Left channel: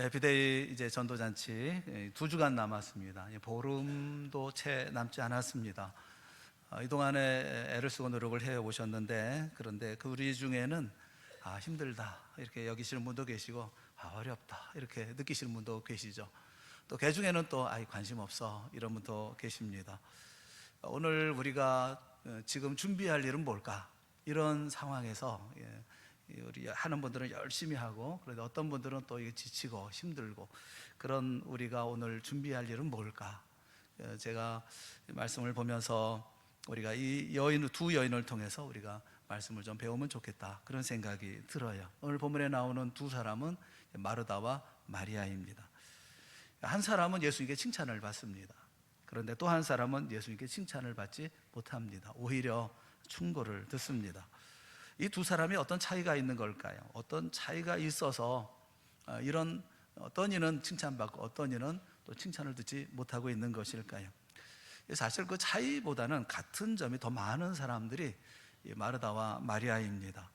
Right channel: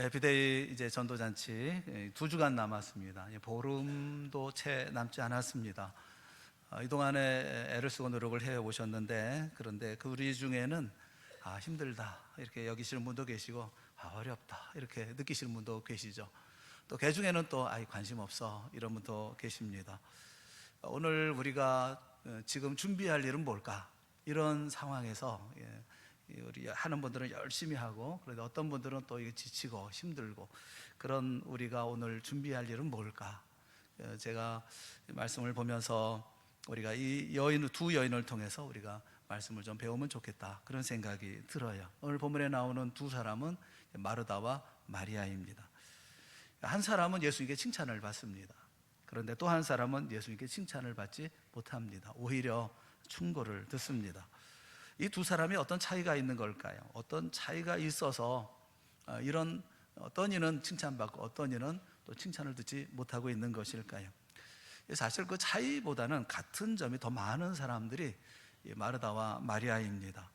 해피데이 이제 전도잔치 2주간 남았습니다. 보름도 채 남지 않았습니다. 이 동안에 애를 쓰고 노력을 해 오셨는데, 그런데 그 우리 중에는 힘들다 이렇게 여기시는 분도 계시고, 어렵다 이렇게 느끼시는 분도 계시죠. 또 그 중에는 또 관심 없어 이런 분도 계십니다. 오늘 우리가 지금 준비할 일은 뭘까? 이런 상황에서 우리 하는 분들은 열심히 하고, 그래도 어떤 분들은 또 지치고 힘들고, 그런 우리가 오늘 준비할 일은 뭘까? 제가 말씀을 보면서 우리가 이 두 여인을 통해서 우리가 말씀을 좀 배우면 좋겠다, 그런 생각이 들어요. 오늘 본문에 나오는 두 사람은 마르다와 마리아입니다. 한 사람은 예수님께 칭찬을 받습니다. 그런데 또 한 사람은 예수님께 칭찬을 받지 못합니다. 오히려 충고를 듣습니다. 이 두 사람이 어떤 차이가 있는 걸까요? 어떤 차이가 있어서 이런 어떤 이는 칭찬받고 어떤 이는 또 칭찬을 듣지 못하고 있는 것일까요? 사실 그 차이보다는 같은 점이 더 많은 사람들이 마르다와 마리아입니다.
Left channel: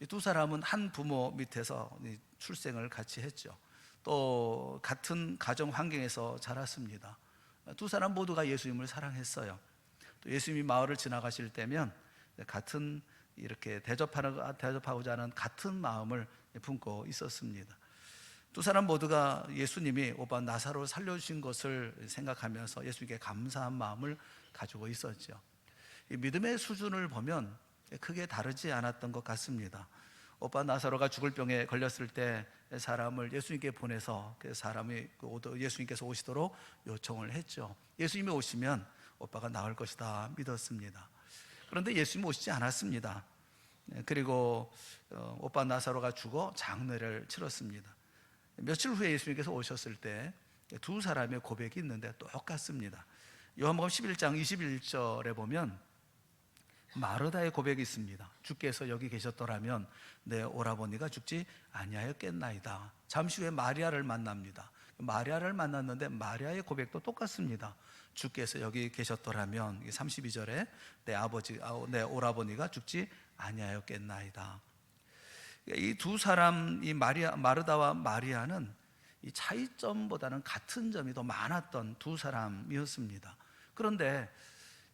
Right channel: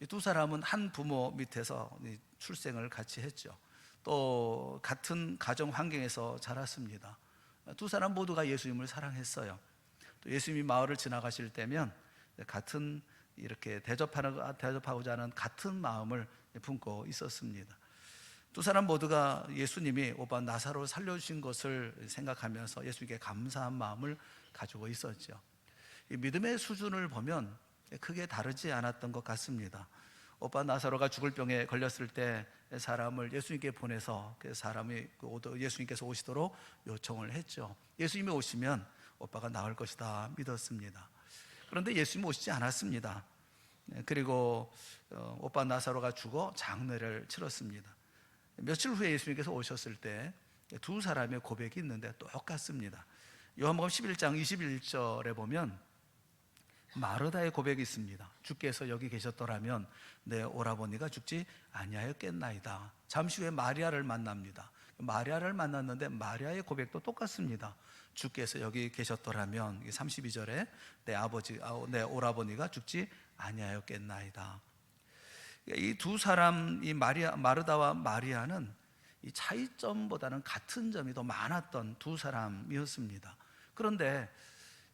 이 두 사람은 한 부모 밑에서 출생을 같이 했죠. 또 같은 가정 환경에서 자랐습니다. 두 사람 모두가 예수님을 사랑했어요. 또 예수님이 마을을 지나가실 때면 같은 이렇게 대접하고자 하는 같은 마음을 품고 있었습니다. 두 사람 모두가 예수님이 오빠 나사로를 살려주신 것을 생각하면서 예수님께 감사한 마음을 가지고 있었죠. 이 믿음의 수준을 보면 크게 다르지 않았던 것 같습니다. 오빠 나사로가 죽을 병에 걸렸을 때 사람을 예수님께 보내서 그 사람이 예수님께서 오시도록 요청을 했죠. 예수님이 오시면 오빠가 나을 것이다 믿었습니다. 그런데 예수님이 오시지 않았습니다. 그리고 오빠 나사로가 죽어 장례를 치렀습니다. 며칠 후에 예수님께서 오셨을 때 두 사람의 고백이 있는데 똑같습니다. 요한복음 11장 21절에 보면 마르다의 고백이 있습니다. 주께서 여기 계셨더라면 내 오라버니가 죽지 아니하였겠나이다. 잠시 후에 마리아를 만납니다. 마리아를 만났는데 마리아의 고백도 똑같습니다. 주께서 여기 계셨더라면 32절에 내 오라버니가 죽지 아니하였겠나이다. 이 두 사람, 이 마르다와 마리아는 이 차이점보다는 같은 점이 더 많았던 두 사람이었습니다. 그런데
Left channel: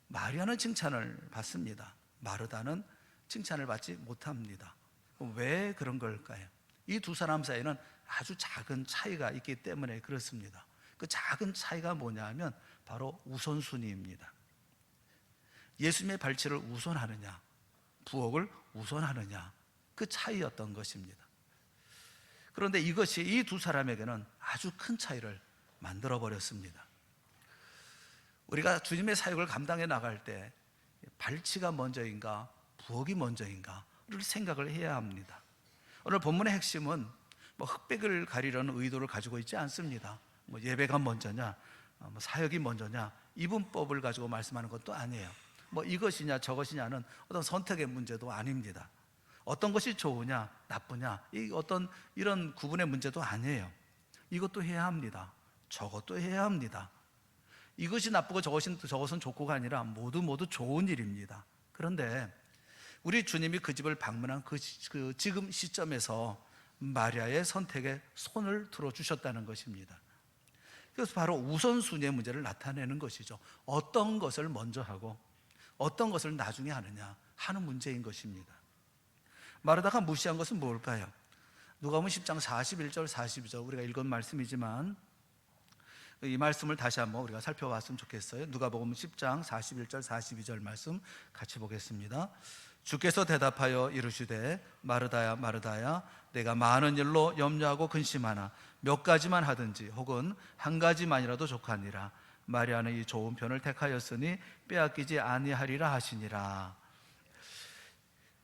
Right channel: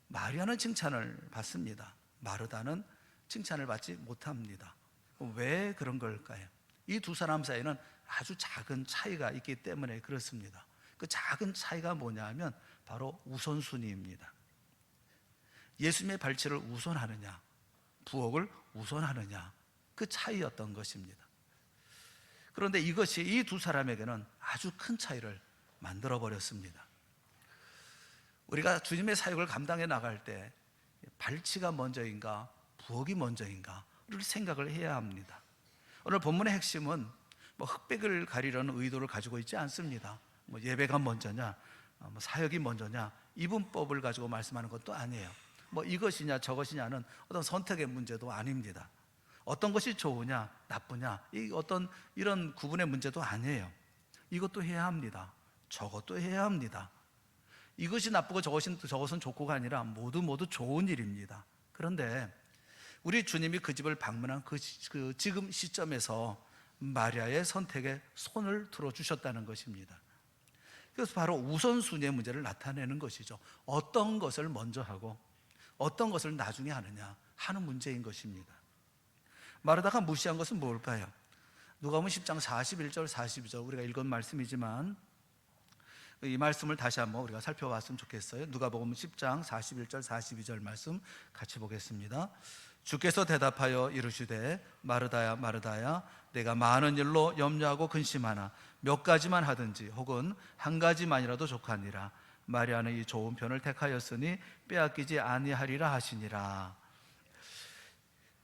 마리아는 칭찬을 받습니다. 마르다는 칭찬을 받지 못합니다. 왜 그런 걸까요? 이 두 사람 사이에는 아주 작은 차이가 있기 때문에 그렇습니다. 그 작은 차이가 뭐냐 하면 바로 우선순위입니다. 예수님의 발치를 우선하느냐, 부엌을 우선하느냐, 그 차이였던 것입니다. 그런데 이것이 이 두 사람에게는 아주 큰 차이를 만들어 버렸습니다. 우리가 주님의 사역을 감당해 나갈 때 발치가 먼저인가 부엌이 먼저인가를 생각을 해야 합니다. 오늘 본문의 핵심은 흑백을 가리려는 의도를 가지고 있지 않습니다. 예배가 먼저냐, 사역이 먼저냐, 이분법을 가지고 말씀하는 것도 아니에요. 이것이냐 저것이냐는 어떤 선택의 문제도 아닙니다. 어떤 것이 좋으냐 나쁘냐 어떤 이런 구분의 문제도 아니에요. 이것도 해야 합니다. 저것도 해야 합니다. 이것이 나쁘고 저것은 좋고가 아니라 모두 좋은 일입니다. 그런데 우리 주님이 그 집을 방문한 그 지금 시점에서 마리아의 선택에 손을 들어주셨다는 것입니다. 그래서 바로 우선순위의 문제를 나타내는 것이죠. 어떤 것을 먼저 하고 어떤 것을 나중에 하느냐 하는 문제인 것입니다. 마르다가 무시한 것은 뭘까요? 누가복음 10장 41절 42절 우리가 읽은 말씀이지만 이 말씀을 다시 한번 우리가 살펴봤으면 좋겠어요. 누가복음 10장 41절 42절 말씀 같이 보겠습니다. 주께서 대답하여 이르시되 마르다야 마르다야 내가 많은 일로 염려하고 근심하나 몇 가지만 하든지 혹은 한 가지만이라도 족하니라. 마리아는 이 좋은 편을 택하였으니 빼앗기지 아니하리라 하시니라.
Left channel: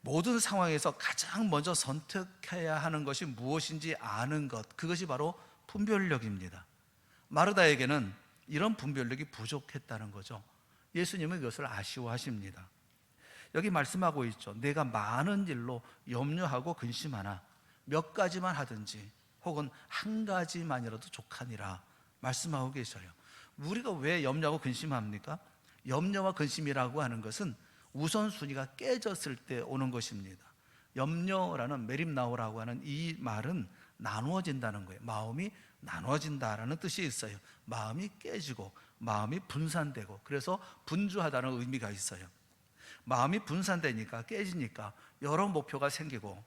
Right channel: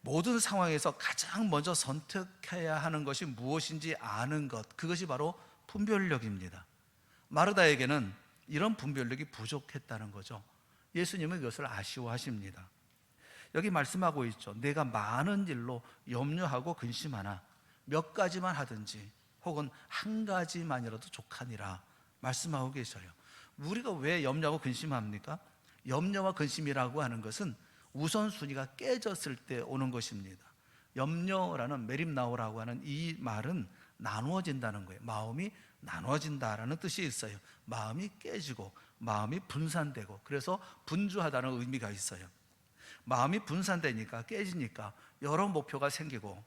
모든 상황에서 가장 먼저 선택해야 하는 것이 무엇인지 아는 것, 그것이 바로 분별력입니다. 마르다에게는 이런 분별력이 부족했다는 거죠. 예수님은 그것을 아쉬워하십니다. 여기 말씀하고 있죠. 내가 많은 일로 염려하고 근심하나 몇 가지만 하든지 혹은 한 가지만이라도 족하니라 말씀하고 계셔요. 우리가 왜 염려하고 근심합니까? 염려와 근심이라고 하는 것은 우선순위가 깨졌을 때 오는 것입니다. 염려라는 메림나오라고 하는 이 말은 나누어진다는 거예요. 마음이 나누어진다라는 뜻이 있어요. 마음이 깨지고 마음이 분산되고, 그래서 분주하다는 의미가 있어요. 마음이 분산되니까, 깨지니까 여러 목표가 생기고,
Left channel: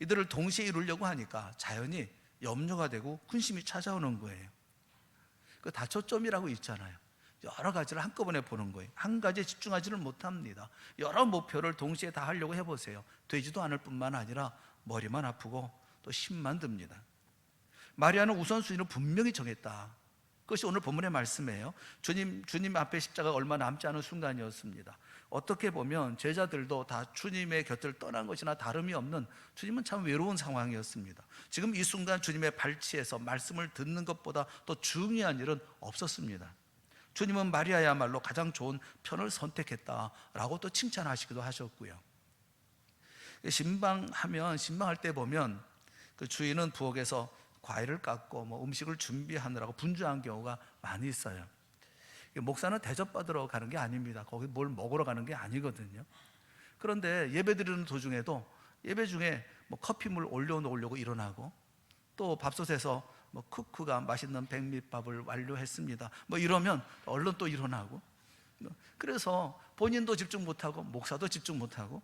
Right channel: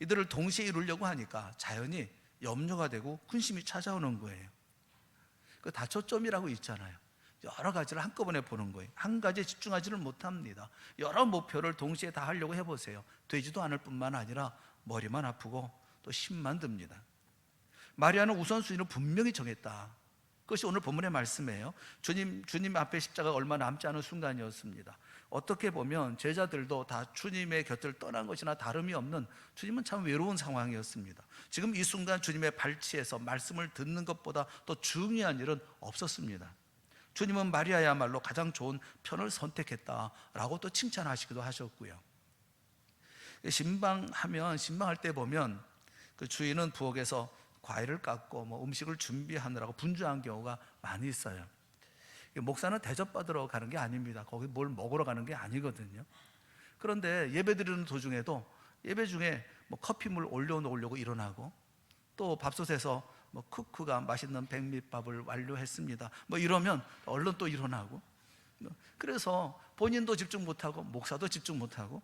이들을 동시에 이루려고 하니까 자연히 염려가 되고 근심이 찾아오는 거예요. 그 다초점이라고 있잖아요. 여러 가지를 한꺼번에 보는 거예요. 한 가지에 집중하지는 못합니다. 여러 목표를 동시에 다 하려고 해보세요. 되지도 않을 뿐만 아니라 머리만 아프고 또 힘만 듭니다. 마리아는 우선순위를 분명히 정했다. 그것이 오늘 본문의 말씀이에요. 주님 앞에 십자가가 얼마 남지 않은 순간이었습니다. 어떻게 보면 제자들도 다 주님의 곁을 떠난 것이나 다름이 없는, 주님은 참 외로운 상황이었습니다. 지금 이 순간 주님의 발치에서 말씀을 듣는 것보다 더 중요한 일은 없었습니다. 주님은 마리아야말로 가장 좋은 편을 선택했다라고 또 칭찬하시기도 하셨고요. 신방할 때 보면 그 주인은 부엌에서 과일을 깎고 음식을 준비하느라고 분주한 경우가 많이 있어요. 목사는 대접받으러 가는 게 아닙니다. 거기 뭘 먹으러 가는 게 아니거든요. 그런데 예배드리는 도중에도 예배 중에 커피물 올려놓으려고 일어나고, 또 밥솥에서 쿠크가 맛있는 백미밥을 완료했습니다, 이러면 얼른 또 일어나고, 그래서 본인도 집중 못하고 목사도 집중 못하고,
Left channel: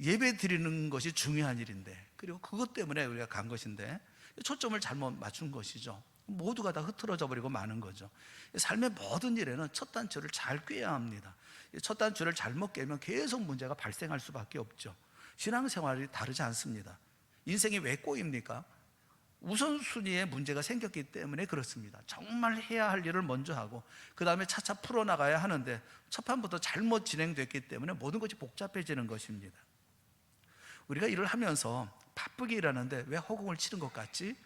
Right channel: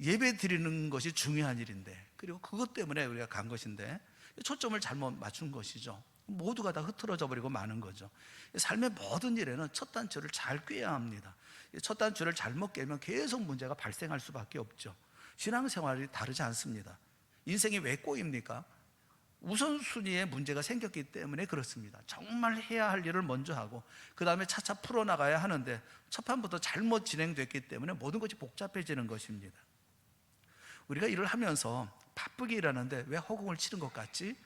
예배 드리는 것이 중요한 일인데, 그리고 그것 때문에 우리가 간 것인데 초점을 잘못 맞춘 것이죠. 모두가 다 흐트러져 버리고 마는 거죠. 삶의 모든 일에는 첫 단추를 잘 꿰야 합니다. 첫 단추를 잘못 깨면 계속 문제가 발생할 수밖에 없죠. 신앙생활이 다르지 않습니다. 인생이 왜 꼬입니까? 우선순위에 문제가 생겼기 때문에 그렇습니다. 정말 해야 할 일을 먼저 하고 그 다음에 차차 풀어나가야 하는데 첫 판부터 잘못 진행됐기 때문에 모든 것이 복잡해지는 것입니다. 우리가 일을 하면서 바쁘게 일하는데 왜 허공을 치는 것 같지?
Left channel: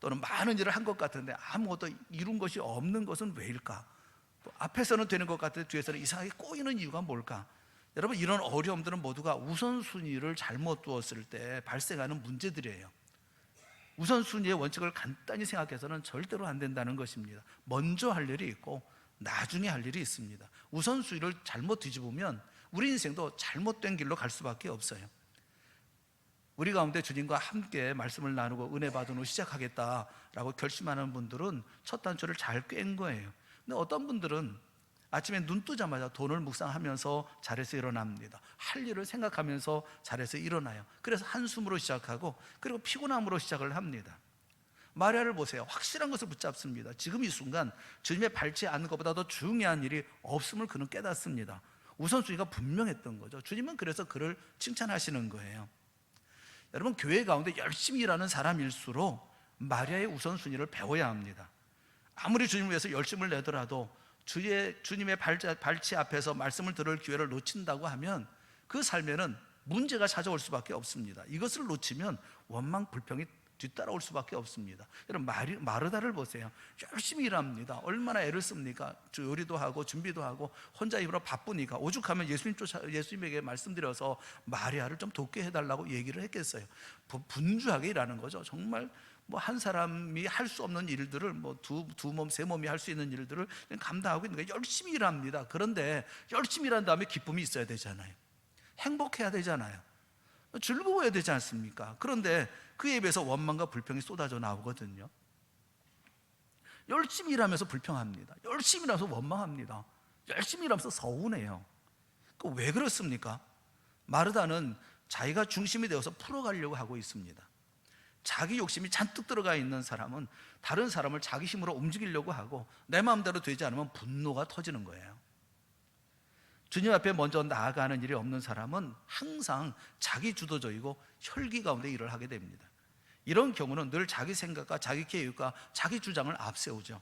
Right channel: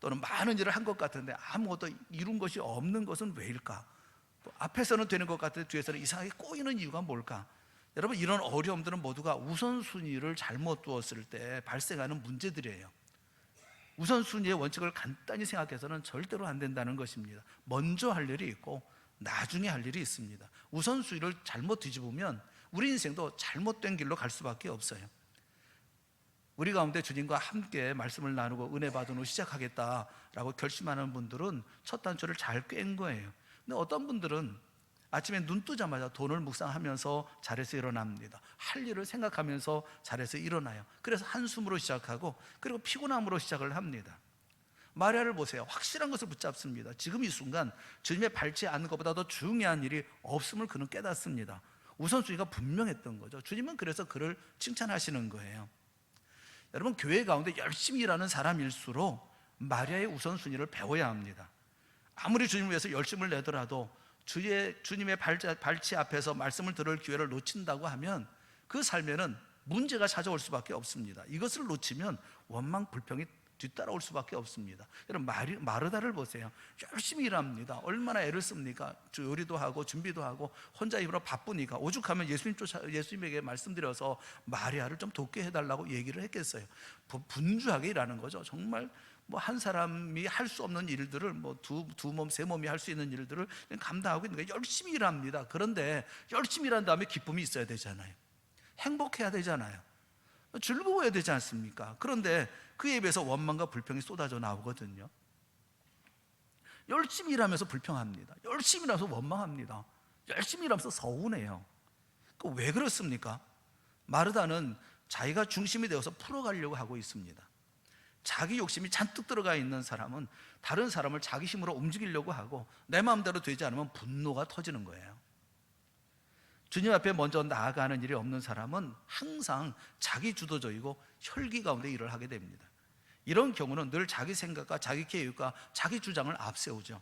또는 많은 일을 한 것 같은데 아무것도 이룬 것이 없는 것은 왜일까? 또 앞에서는 되는 것 같은데 뒤에서는 이상하게 꼬이는 이유가 뭘까? 여러분, 이런 어려움들은 모두가 우선순위를 잘못 두었을 때 발생하는 문제들이에요. 우선순위의 원칙을 간단히 생각해서는 절대로 안 된다는 것입니다. 먼저 할 일이 있고 나중에 할 일이 있습니다. 우선순위를 잘못 뒤집으면 우리 인생도 잘못된 길로 갈 수밖에 없어요. 우리 가운데 주님과 함께 말씀을 나누고 은혜 받은 후 시작하겠다라고 결심하는 분들은 첫 단추를 잘 꿰는 거예요. 근데 어떤 분들은 아침에 눈 뜨자마자 돈을 묵상하면서 자리에서 일어납니다. 할 일을 생각하면서 자리에서 일어나요. 그래서 한숨으로 시작하고 그리고 피곤함으로 시작을 합니다. 마리아를 보세요. 확실한 것을 붙잡습니다. 지금 이 순간 주님의 밟지 않는 것보다 더 중요한 일이 없음을 그는 깨닫습니다. 우선순위가 분명했던 거죠. 주님은 그래서 그를 칭찬하시는 거예요. 여러분, 교회 가운데 열심히 일하는 사람일수록 마리아의 우선순위를 배워야 합니다. 아무리 주님을 위해서 열심을 내더라도 주님의 발치 앞에서 말씀을 들을 기회를 놓친다고 하면 그 삶에는 문제가 찾아올 수밖에 없습니다. 이것을 놓치면 원망, 불평이 뒤따라올 수밖에 없습니다. 여러분, 마르다를 보세요. 열심히 일합니다. 얼마나 애를 씁니까? 요리도 하고 준비도 하고 혼자 입으로 바쁘니까 오죽하면 예수님에게 말씀드려서 마리아를 좀 돕게 해달라고 얘기를 했겠어요. 분주하게 일하는 거죠. 정말 한 사람이 할 수 없는 일들을 두 몸, 세 몸이 할 수 있는 일들을 감당하고 있는 거예요. 열심히 일합니다. 그런데 열심히 일한 다음에 기쁨이 있어야 되잖아요. 행복해야 되잖아요. 즐거워야 되지 않습니까? 그런데 그에 비해서 원망과 불평이 쏟아져 나오거든요. 열심히 일하면서 불평합니다. 열심히 일하면서 원망합니다. 열심히 일하면서 서운해요. 왜 그렇습니까? 마르다는 자기가 중심이 되어서 풀어가려고 하고 있습니다. 자기 욕심이 잔뜩 들어가 있는 사람은 다른 사람을 자기 힘으로 움직이려고 하고 내 마음대로 되지 않으면 분노가 터지는 거예요. 주님 앞에 먼저 나아가는 일이 없는 사람은 항상 자기 주도적이고 혈기 가운데 일을 하게 됩니다. 이런 경우는 늘 자기 생각과 자기 계획과 자기 주장을 앞세우죠.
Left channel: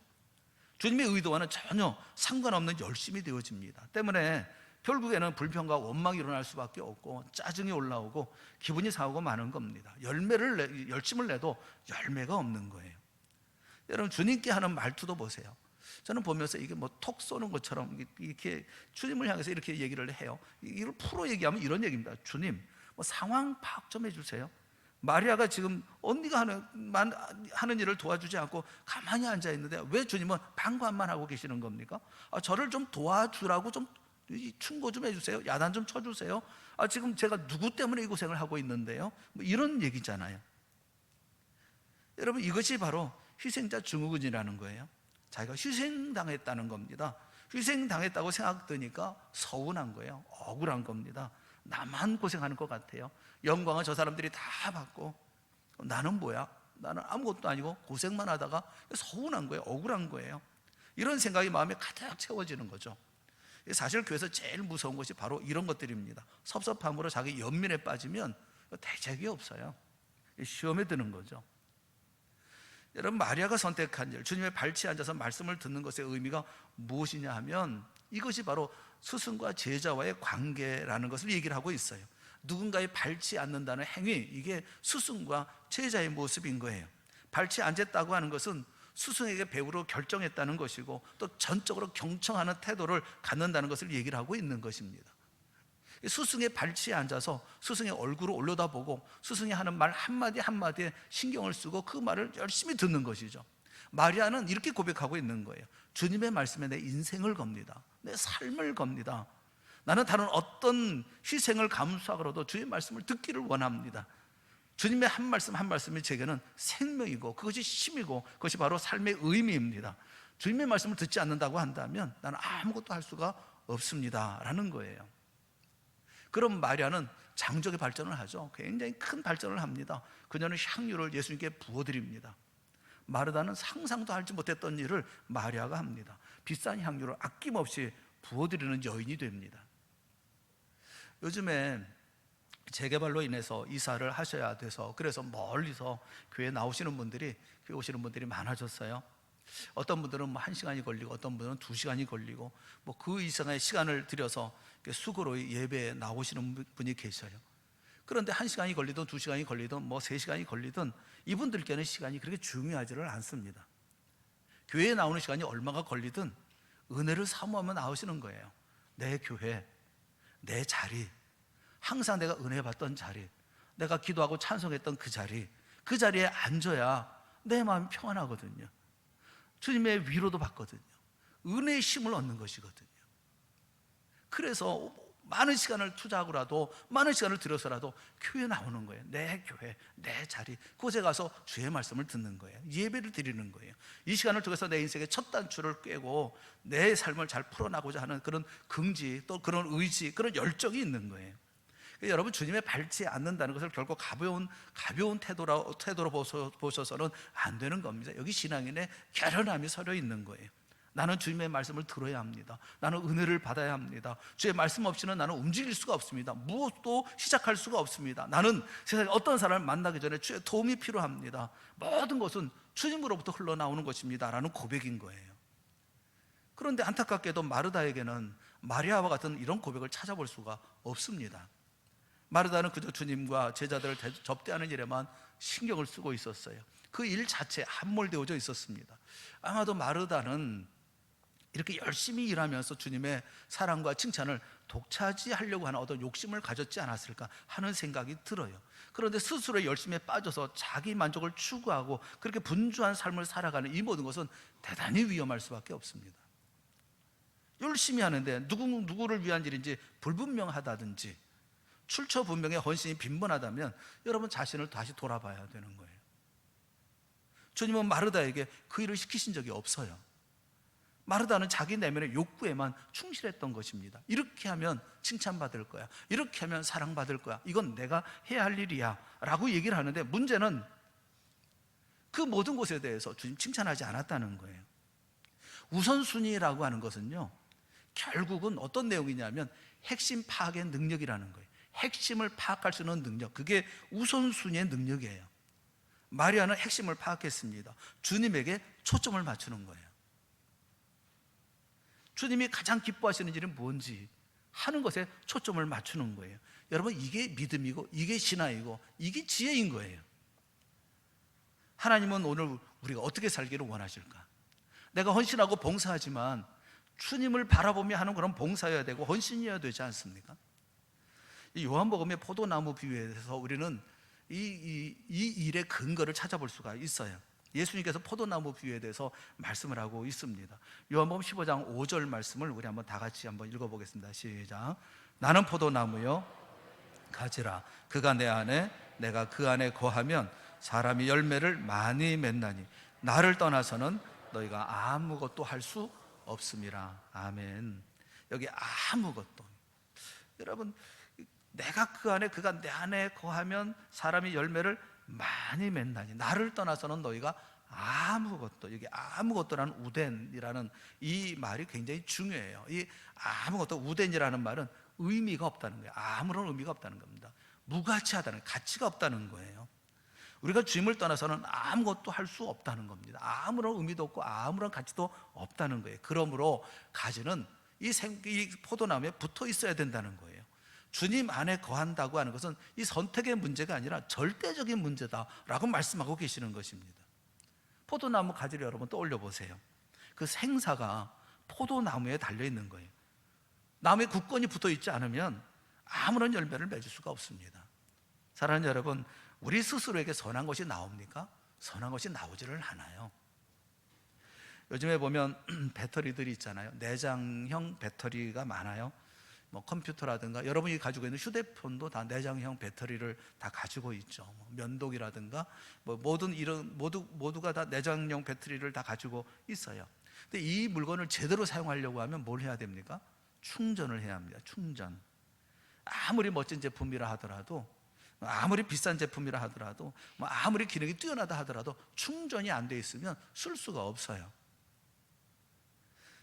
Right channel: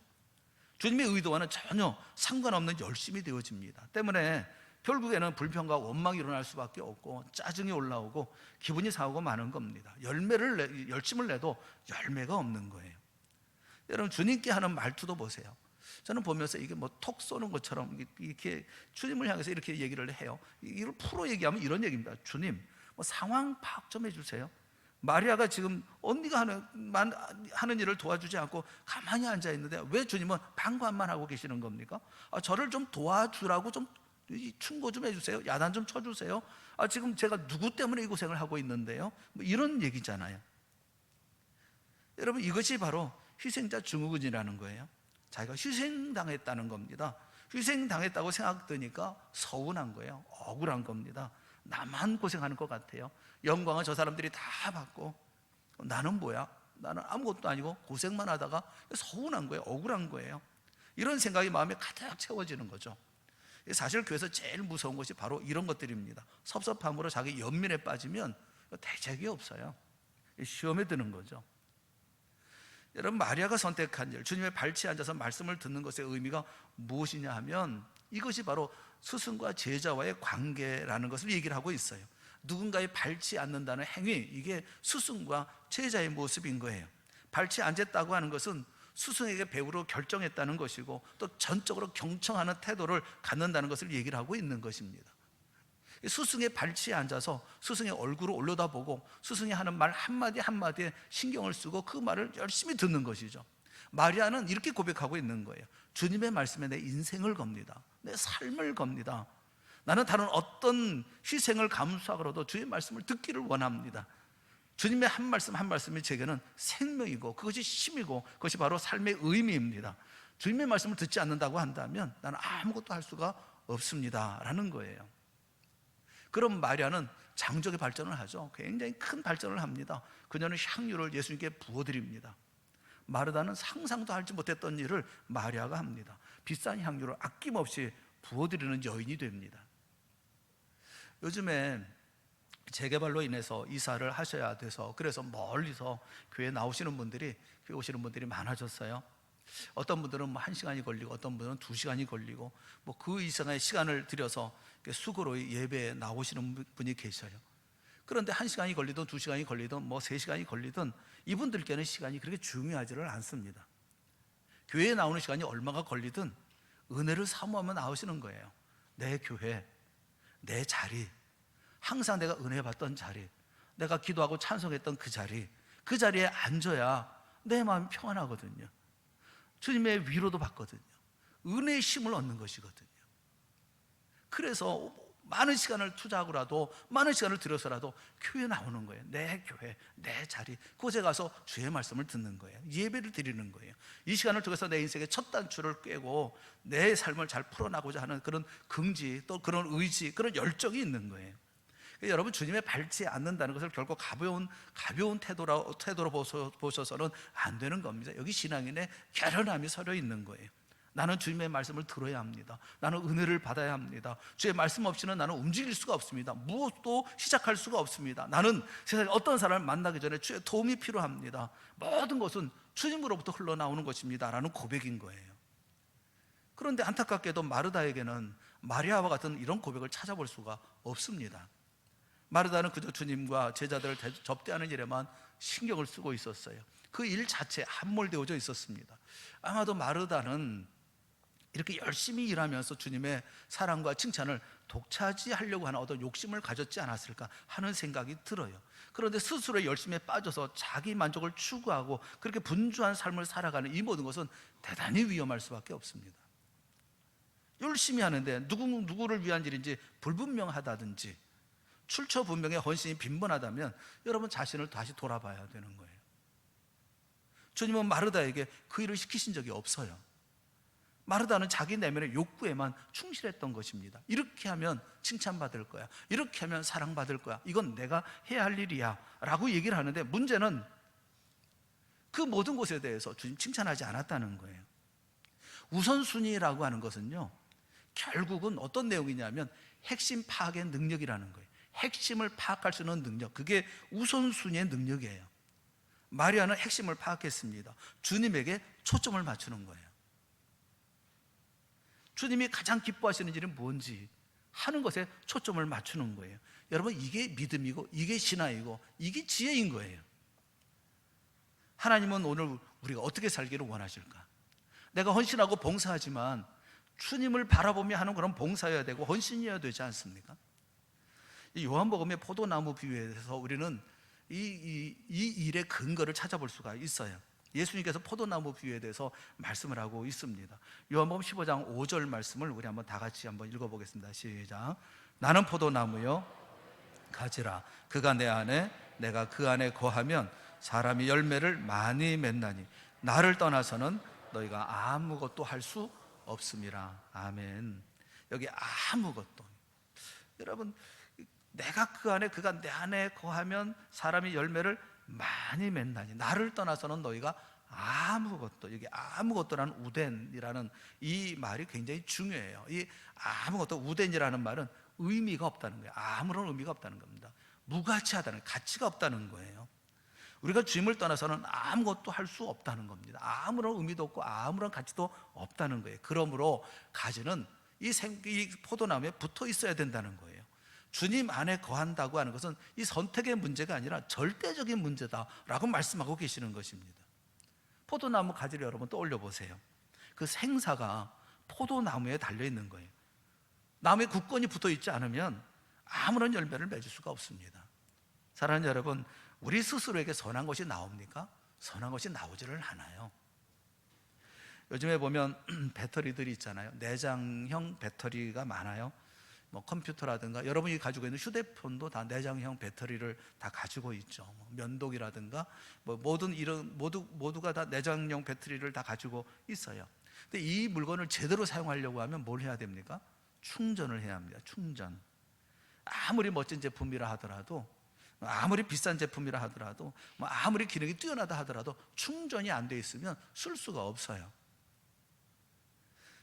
주님의 의도와는 전혀 상관없는 열심이 되어집니다. 때문에 결국에는 불평과 원망이 일어날 수밖에 없고 짜증이 올라오고 기분이 상하고 마는 겁니다. 열심을 내도 열매가 없는 거예요. 여러분, 주님께 하는 말투도 보세요. 저는 보면서 이게 톡 쏘는 것처럼 이렇게 주님을 향해서 이렇게 얘기를 해요. 이걸 풀어 얘기하면 이런 얘기입니다. 주님, 상황 파악 좀 해주세요. 마리아가 지금 언니가 하는 일을 도와주지 않고 가만히 앉아 있는데 왜 주님은 방관만 하고 계시는 겁니까? 저를 좀 도와주라고 좀 충고 좀 해주세요. 야단 좀 쳐주세요. 지금 제가 누구 때문에 이 고생을 하고 있는데요. 이런 얘기잖아요. 여러분, 이것이 바로 희생자 증후군이라는 거예요. 자기가 희생당했다는 겁니다. 희생당했다고 생각되니까 서운한 거예요. 억울한 겁니다. 나만 고생하는 것 같아요. 영광은 저 사람들이 다 받고 나는 뭐야? 나는 아무것도 아니고 고생만 하다가 서운한 거예요. 억울한 거예요. 이런 생각이 마음에 가득 채워지는 거죠. 사실 교회에서 제일 무서운 것이 바로 이런 것들입니다. 섭섭함으로 자기 연민에 빠지면 대책이 없어요. 시험에 드는 거죠. 여러분, 마리아가 선택한 일, 주님의 발치에 앉아서 말씀을 듣는 것의 의미가 무엇이냐 하면 이것이 바로 스승과 제자와의 관계라는 것을 얘기를 하고 있어요. 누군가의 발치에 앉는다는 행위, 이게 스승과 제자의 모습인 거예요. 발치에 앉았다고 하는 것은 스승에게 배우로 결정했다는 것이고 또 전적으로 경청하는 태도를 갖는다는 것을 얘기를 하고 있는 것입니다. 스승의 발치에 앉아서 스승의 얼굴을 올려다보고 스승이 하는 말 한마디 한마디에 신경을 쓰고 그 말을 열심히 듣는 것이죠. 마리아는 이렇게 고백하고 있는 거예요. 주님의 말씀에 내 인생을 겁니다. 내 삶을 겁니다. 나는 다른 어떤 희생을 감수하고라도 주의 말씀을 듣기를 원합니다. 주님의 한 말씀 한 말씀이 제게는 생명이고 그것이 힘이고 그것이 바로 삶의 의미입니다. 주님의 말씀을 듣지 않는다고 한다면 나는 아무것도 할 수가 없습니다 라는 거예요. 그럼 마리아는 장족의 발전을 하죠. 굉장히 큰 발전을 합니다. 그녀는 향유를 예수님께 부어드립니다. 마르다는 상상도 하지 못했던 일을 마리아가 합니다. 비싼 향유를 아낌없이 부어드리는 여인이 됩니다. 요즘에 재개발로 인해서 이사를 하셔야 돼서 그래서 멀리서 교회에 나오시는 분들이, 교회 오시는 분들이 많아졌어요. 어떤 분들은 1시간이 걸리고 어떤 분은 2시간이 걸리고 뭐 그 이상의 시간을 들여서 수고로 예배에 나오시는 분이 계셔요. 그런데 1시간이 걸리든 2시간이 걸리든 뭐 3시간이 걸리든 이분들께는 시간이 그렇게 중요하지를 않습니다. 교회에 나오는 시간이 얼마가 걸리든 은혜를 사모하며 나오시는 거예요. 내 교회, 내 자리, 항상 내가 은혜 받던 자리, 내가 기도하고 찬송했던 그 자리에 앉아야 내 마음이 평안하거든요. 주님의 위로도 받거든요. 은혜의 힘을 얻는 것이거든요. 그래서 많은 시간을 투자하고라도 많은 시간을 들여서라도 교회에 나오는 거예요. 내 교회, 내 자리, 그곳에 가서 주의 말씀을 듣는 거예요. 예배를 드리는 거예요. 이 시간을 통해서 내 인생의 첫 단추를 꿰고 내 삶을 잘 풀어나가고자 하는 그런 긍지, 또 그런 의지, 그런 열정이 있는 거예요. 여러분, 주님의 발치에 앉는다는 것을 결코 가벼운 태도로 보셔서는 안 되는 겁니다. 여기 신앙인의 결연함이 서려 있는 거예요. 나는 주님의 말씀을 들어야 합니다. 나는 은혜를 받아야 합니다. 주의 말씀 없이는 나는 움직일 수가 없습니다. 무엇도 시작할 수가 없습니다. 나는 세상에 어떤 사람을 만나기 전에 주의 도움이 필요합니다. 모든 것은 주님으로부터 흘러나오는 것입니다 라는 고백인 거예요. 그런데 안타깝게도 마르다에게는 마리아와 같은 이런 고백을 찾아볼 수가 없습니다. 마르다는 그저 주님과 제자들을 접대하는 일에만 신경을 쓰고 있었어요. 그 일 자체에 함몰되어져 있었습니다. 아마도 마르다는 이렇게 열심히 일하면서 주님의 사랑과 칭찬을 독차지하려고 하는 어떤 욕심을 가졌지 않았을까 하는 생각이 들어요. 그런데 스스로 열심에 빠져서 자기 만족을 추구하고 그렇게 분주한 삶을 살아가는 이 모든 것은 대단히 위험할 수밖에 없습니다. 열심히 하는데 누구를 위한 일인지 불분명하다든지 출처분명의 헌신이 빈번하다면 여러분 자신을 다시 돌아봐야 되는 거예요. 주님은 마르다에게 그 일을 시키신 적이 없어요. 마르다는 자기 내면의 욕구에만 충실했던 것입니다. 이렇게 하면 칭찬받을 거야, 이렇게 하면 사랑받을 거야, 이건 내가 해야 할 일이야 라고 얘기를 하는데 문제는 그 모든 것에 대해서 주님 칭찬하지 않았다는 거예요. 우선순위라고 하는 것은요, 결국은 어떤 내용이냐면 핵심 파악의 능력이라는 거예요. 핵심을 파악할 수 있는 능력, 그게 우선순위의 능력이에요. 마리아는 핵심을 파악했습니다. 주님에게 초점을 맞추는 거예요. 주님이 가장 기뻐하시는 일은 뭔지 하는 것에 초점을 맞추는 거예요. 여러분, 이게 믿음이고 이게 신앙이고 이게 지혜인 거예요. 하나님은 오늘 우리가 어떻게 살기를 원하실까? 내가 헌신하고 봉사하지만 주님을 바라보며 하는 그런 봉사여야 되고 헌신이어야 되지 않습니까? 이 요한복음의 포도나무 비유에 대해서 우리는 이 일의 근거를 찾아볼 수가 있어요. 예수님께서 포도나무 비유에 대해서 말씀을 하고 있습니다. 요한복음 15장 5절 말씀을 우리 한번 다 같이 한번 읽어보겠습니다. 시작. 나는 포도나무요 가지라. 그가 내 안에 내가 그 안에 거하면 사람이 열매를 많이 맺나니 나를 떠나서는 너희가 아무것도 할 수 없음이라. 아멘. 여기 아무것도. 여러분, 내가 그 안에, 그가 내 안에 거하면 사람이 열매를 많이 맺나니 나를 떠나서는 너희가 아무것도. 여기 아무것도라는 우덴이라는 이 말이 굉장히 중요해요. 이 아무것도, 우덴이라는 말은 의미가 없다는 거예요. 아무런 의미가 없다는 겁니다. 무가치하다는, 가치가 없다는 거예요. 우리가 주님을 떠나서는 아무것도 할 수 없다는 겁니다. 아무런 의미도 없고 아무런 가치도 없다는 거예요. 그러므로 가지는 이 포도나무에 붙어 있어야 된다는 거예요. 주님 안에 거한다고 하는 것은 이 선택의 문제가 아니라 절대적인 문제다라고 말씀하고 계시는 것입니다. 포도나무 가지를 여러분 떠올려 보세요. 그 생사가 포도나무에 달려 있는 거예요. 나무에 굳건히 붙어 있지 않으면 아무런 열매를 맺을 수가 없습니다. 사랑하는 여러분, 우리 스스로에게 선한 것이 나옵니까? 선한 것이 나오지를 않아요. 요즘에 보면 배터리들이 있잖아요. 내장형 배터리가 많아요. 뭐 컴퓨터라든가 여러분이 가지고 있는 휴대폰도 다 내장형 배터리를 다 가지고 있죠. 면도기라든가 뭐 모두가 다 내장형 배터리를 다 가지고 있어요. 근데 이 물건을 제대로 사용하려고 하면 뭘 해야 됩니까? 충전을 해야 합니다. 충전. 아무리 멋진 제품이라 하더라도, 아무리 비싼 제품이라 하더라도, 아무리 기능이 뛰어나다 하더라도 충전이 안 돼 있으면 쓸 수가 없어요.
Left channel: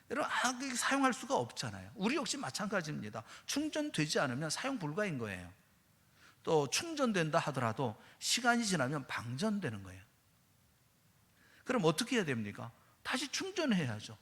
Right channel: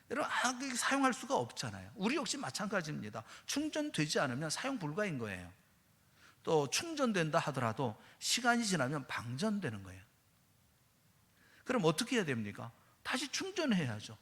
여러분, 사용할 수가 없잖아요. 우리 역시 마찬가지입니다. 충전되지 않으면 사용 불가인 거예요. 또 충전된다 하더라도 시간이 지나면 방전되는 거예요. 그럼 어떻게 해야 됩니까? 다시 충전해야죠.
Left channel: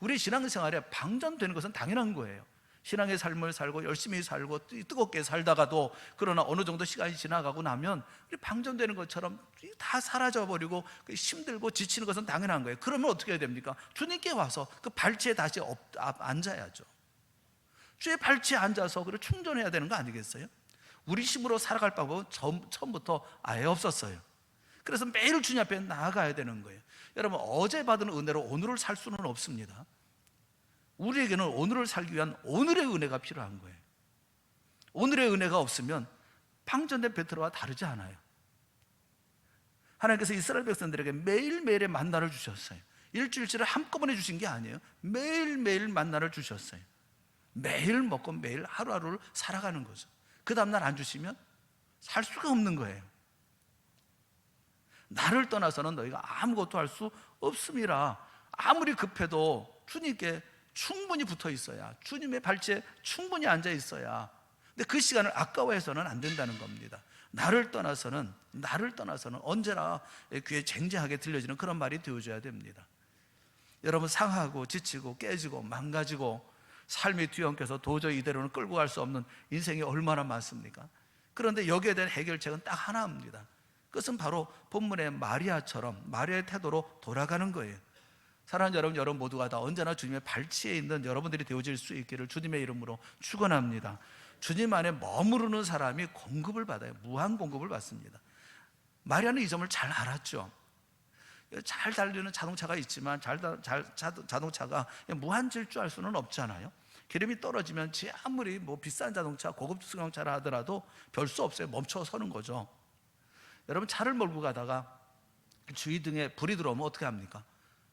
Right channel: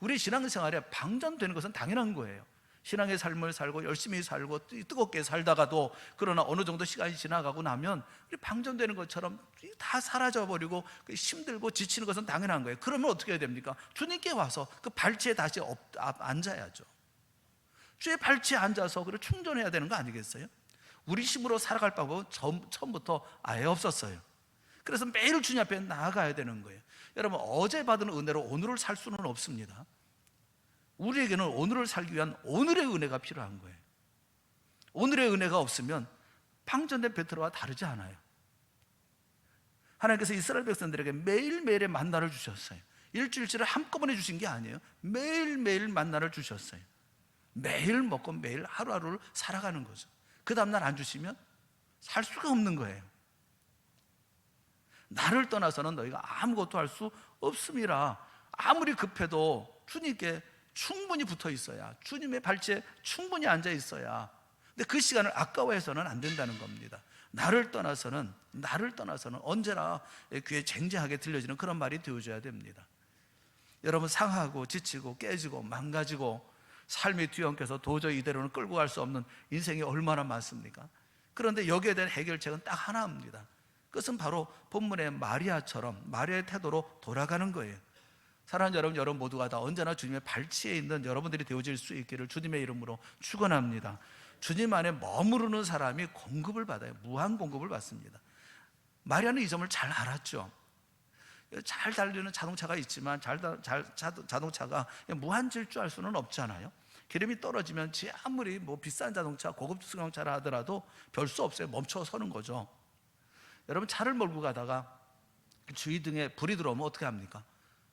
우리 신앙생활에 방전되는 것은 당연한 거예요. 신앙의 삶을 살고 열심히 살고 뜨겁게 살다가도 그러나 어느 정도 시간이 지나가고 나면 방전되는 것처럼 다 사라져버리고 힘들고 지치는 것은 당연한 거예요. 그러면 어떻게 해야 됩니까? 주님께 와서 그 발치에 다시 앉아야죠. 주의 발치에 앉아서 그걸 충전해야 되는 거 아니겠어요? 우리 힘으로 살아갈 방법은 처음부터 아예 없었어요. 그래서 매일 주님 앞에 나아가야 되는 거예요. 여러분, 어제 받은 은혜로 오늘을 살 수는 없습니다. 우리에게는 오늘을 살기 위한 오늘의 은혜가 필요한 거예요. 오늘의 은혜가 없으면 방전된 배터리와 다르지 않아요. 하나님께서 이스라엘 백성들에게 매일매일의 만나를 주셨어요. 일주일치를 한꺼번에 주신 게 아니에요. 매일매일 만나를 주셨어요. 매일 먹고 매일 하루하루를 살아가는 거죠. 그 다음날 안 주시면 살 수가 없는 거예요. 나를 떠나서는 너희가 아무것도 할 수 없음이라. 아무리 급해도 주님께 충분히 붙어 있어야, 주님의 발치에 충분히 앉아 있어야. 근데 그 시간을 아까워해서는 안 된다는 겁니다. 나를 떠나서는 언제나 귀에 쟁쟁하게 들려지는 그런 말이 되어줘야 됩니다. 여러분, 상하고 지치고 깨지고 망가지고 삶이 뒤엉켜서 도저히 이대로는 끌고 갈 수 없는 인생이 얼마나 많습니까? 그런데 여기에 대한 해결책은 딱 하나입니다. 그것은 바로 본문의 마리아처럼 마리아의 태도로 돌아가는 거예요. 사랑하는 여러분 모두가 다 언제나 주님의 발치에 있는 여러분들이 되어질 수 있기를 주님의 이름으로 축원합니다. 주님 안에 머무르는 사람이 공급을 받아요. 무한 공급을 받습니다. 마리아는 이 점을 잘 알았죠. 잘 달리는 자동차가 있지만 자동차가 무한 질주할 수는 없잖아요. 기름이 떨어지면 아무리 비싼 자동차, 고급 승용차라 하더라도 별 수 없어요. 멈춰 서는 거죠. 여러분, 차를 몰고 가다가 주위등에 불이 들어오면 어떻게 합니까?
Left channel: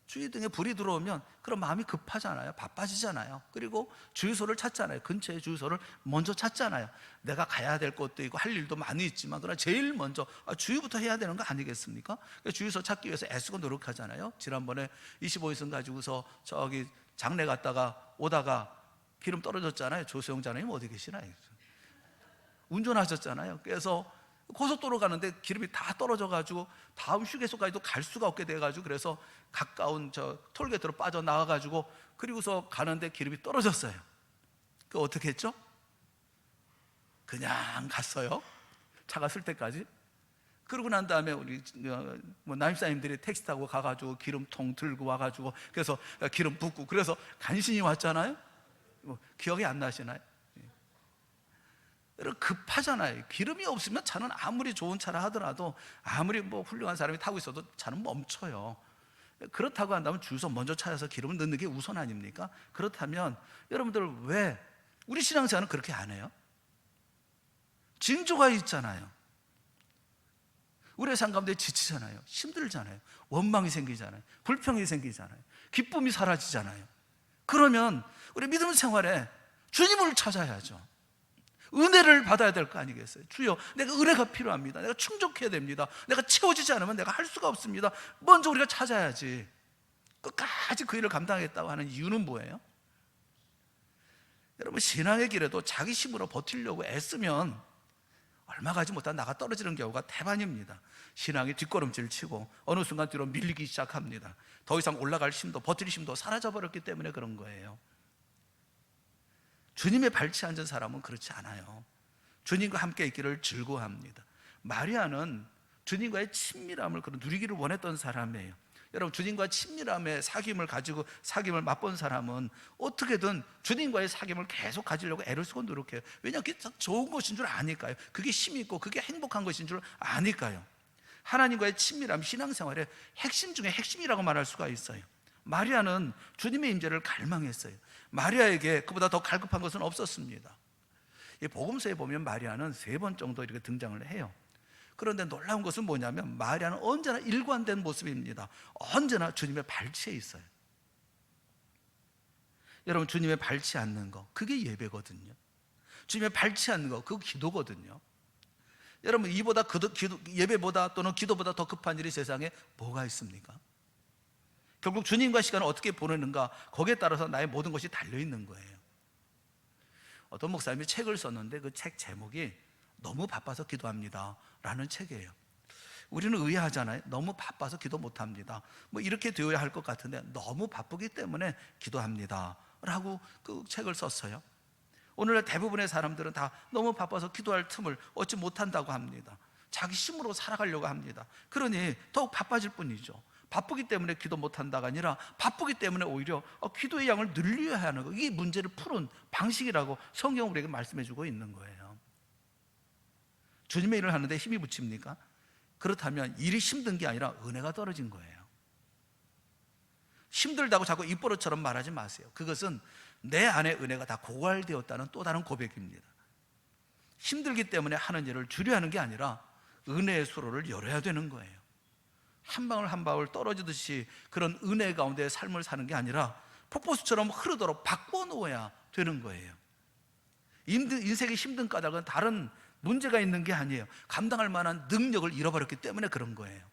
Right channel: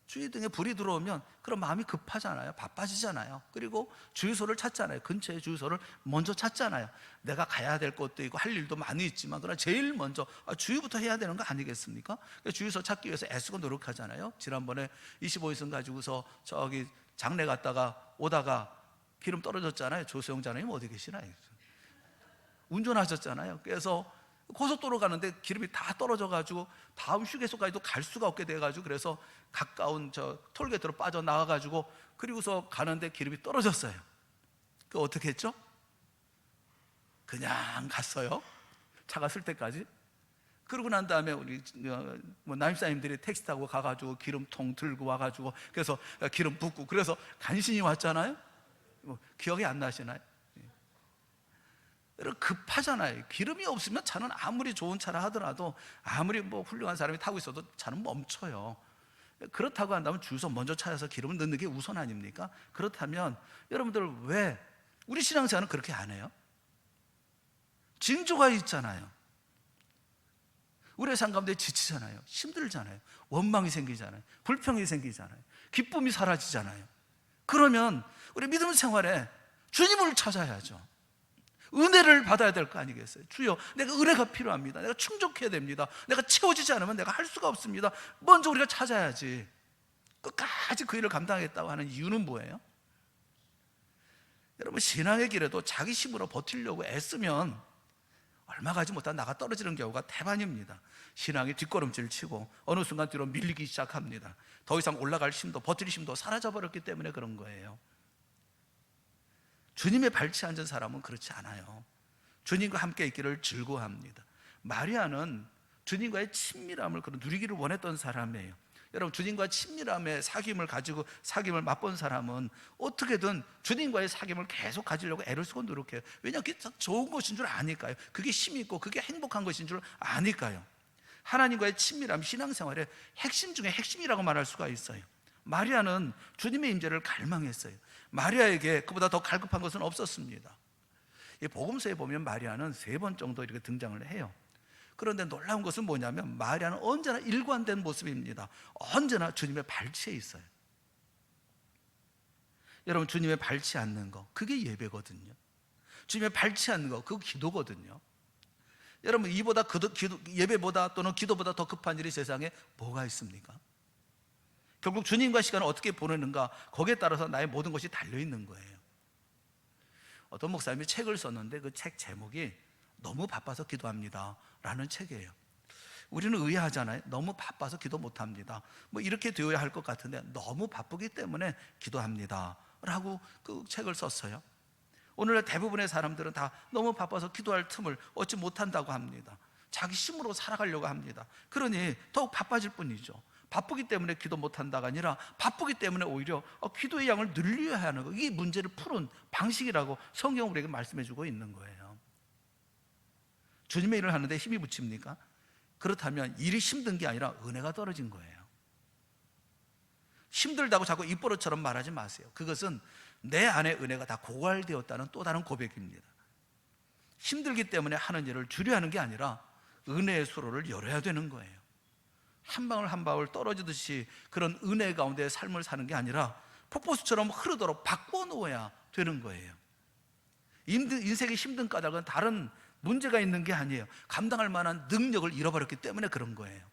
주위등에 불이 들어오면 그럼 마음이 급하잖아요. 바빠지잖아요. 그리고 주유소를 찾잖아요. 근처에 주유소를 먼저 찾잖아요. 내가 가야 될 곳도 있고 할 일도 많이 있지만 그러나 제일 먼저 주유부터 해야 되는 거 아니겠습니까? 주유소 찾기 위해서 애쓰고 노력하잖아요. 지난번에 25인승 가지고서 저기 장례 갔다가 오다가 기름 떨어졌잖아요. 조수영 장로님 어디 계시나요? 운전하셨잖아요. 그래서 고속도로 가는데 기름이 다 떨어져가지고 다음 휴게소까지도 갈 수가 없게 돼가지고 그래서 가까운 저 톨게이트로 빠져나와가지고 그리고서 가는데 기름이 떨어졌어요. 그 어떻게 했죠? 그냥 갔어요. 차가 쓸 때까지. 그러고 난 다음에 우리 남집사님들이 택시 타고 가가지고 기름통 들고 와가지고 그래서 기름 붓고 그래서 간신히 왔잖아요. 기억이 안 나시나요? 여러분, 급하잖아요. 기름이 없으면 차는 아무리 좋은 차라 하더라도 아무리 훌륭한 사람이 타고 있어도 차는 멈춰요. 그렇다고 한다면 주유소 먼저 찾아서 기름을 넣는 게 우선 아닙니까? 그렇다면 여러분들 왜 우리 신앙생활은 그렇게 안 해요? 징조가 있잖아요. 우리의 삶 가운데 지치잖아요. 힘들잖아요. 원망이 생기잖아요. 불평이 생기잖아요. 기쁨이 사라지잖아요. 그러면 우리 믿음 생활에 주님을 찾아야죠. 은혜를 받아야 될 거 아니겠어요? 주여, 내가 은혜가 필요합니다. 내가 충족해야 됩니다. 내가 채워지지 않으면 내가 할 수가 없습니다. 먼저 우리가 찾아야지. 끝까지 그 일을 감당하겠다고 하는 이유는 뭐예요? 여러분, 신앙의 길에도 자기 힘으로 버티려고 애쓰면 얼마 가지 못한 나가 떨어지는 경우가 대반입니다. 신앙이 뒷걸음질 치고 어느 순간 뒤로 밀리기 시작합니다. 더 이상 올라갈 힘도 버틸 힘도 사라져버렸기 때문에 그런 거예요. 주님의 발치에 앉은 사람은 그렇지 않아요. 주님과 함께 있기를 즐거워합니다. 마리아는 주님과의 친밀함을 누리기를 원했던 사람이에요. 여러분, 주님과 친밀함의 사귐을 가지고 사귐을 맛본 사람은 어떻게든 주님과의 사귐을 계속 가지려고 애를 쓰고 노력해요. 왜냐하면 그게 좋은 것인 줄 아니까요. 그게 힘이 있고 그게 행복한 것인 줄 아니까요. 하나님과의 친밀함, 신앙생활의 핵심 중에 핵심이라고 말할 수가 있어요. 마리아는 주님의 임재를 갈망했어요. 마리아에게 그보다 더 갈급한 것은 없었습니다. 이 복음서에 보면 마리아는 3번 정도 이렇게 등장을 해요. 그런데 놀라운 것은 뭐냐면 마리아는 언제나 일관된 모습입니다. 언제나 주님의 발치에 있어요. 여러분, 주님의 발치 않는 거, 그게 예배거든요. 주님의 발치 않는 거, 그거 기도거든요. 여러분, 이보다 예배보다 또는 기도보다 더 급한 일이 세상에 뭐가 있습니까? 결국 주님과 시간을 어떻게 보내는가, 거기에 따라서 나의 모든 것이 달려있는 거예요. 어떤 목사님이 책을 썼는데 그 책 제목이 너무 바빠서 기도합니다 라는 책이에요. 우리는 의아하잖아요. 너무 바빠서 기도 못합니다. 뭐 이렇게 되어야 할 것 같은데 너무 바쁘기 때문에 기도합니다 라고 그 책을 썼어요. 오늘날 대부분의 사람들은 다 너무 바빠서 기도할 틈을 얻지 못한다고 합니다. 자기 힘으로 살아가려고 합니다. 그러니 더욱 바빠질 뿐이죠. 바쁘기 때문에 기도 못한다가 아니라 바쁘기 때문에 오히려 기도의 양을 늘려야 하는 거, 이게 문제를 푸는 방식이라고 성경은 우리에게 말씀해주고 있는 거예요. 주님의 일을 하는데 힘이 붙입니까? 그렇다면 일이 힘든 게 아니라 은혜가 떨어진 거예요. 힘들다고 자꾸 입버릇처럼 말하지 마세요. 그것은 내 안에 은혜가 다 고갈되었다는 또 다른 고백입니다. 힘들기 때문에 하는 일을 줄여야 하는 게 아니라 은혜의 수로를 열어야 되는 거예요. 한 방울 한 방울 떨어지듯이 그런 은혜 가운데 삶을 사는 게 아니라 폭포수처럼 흐르도록 바꿔놓아야 되는 거예요. 인생의 힘든 까닭은 다른 문제가 있는 게 아니에요. 감당할 만한 능력을 잃어버렸기 때문에 그런 거예요.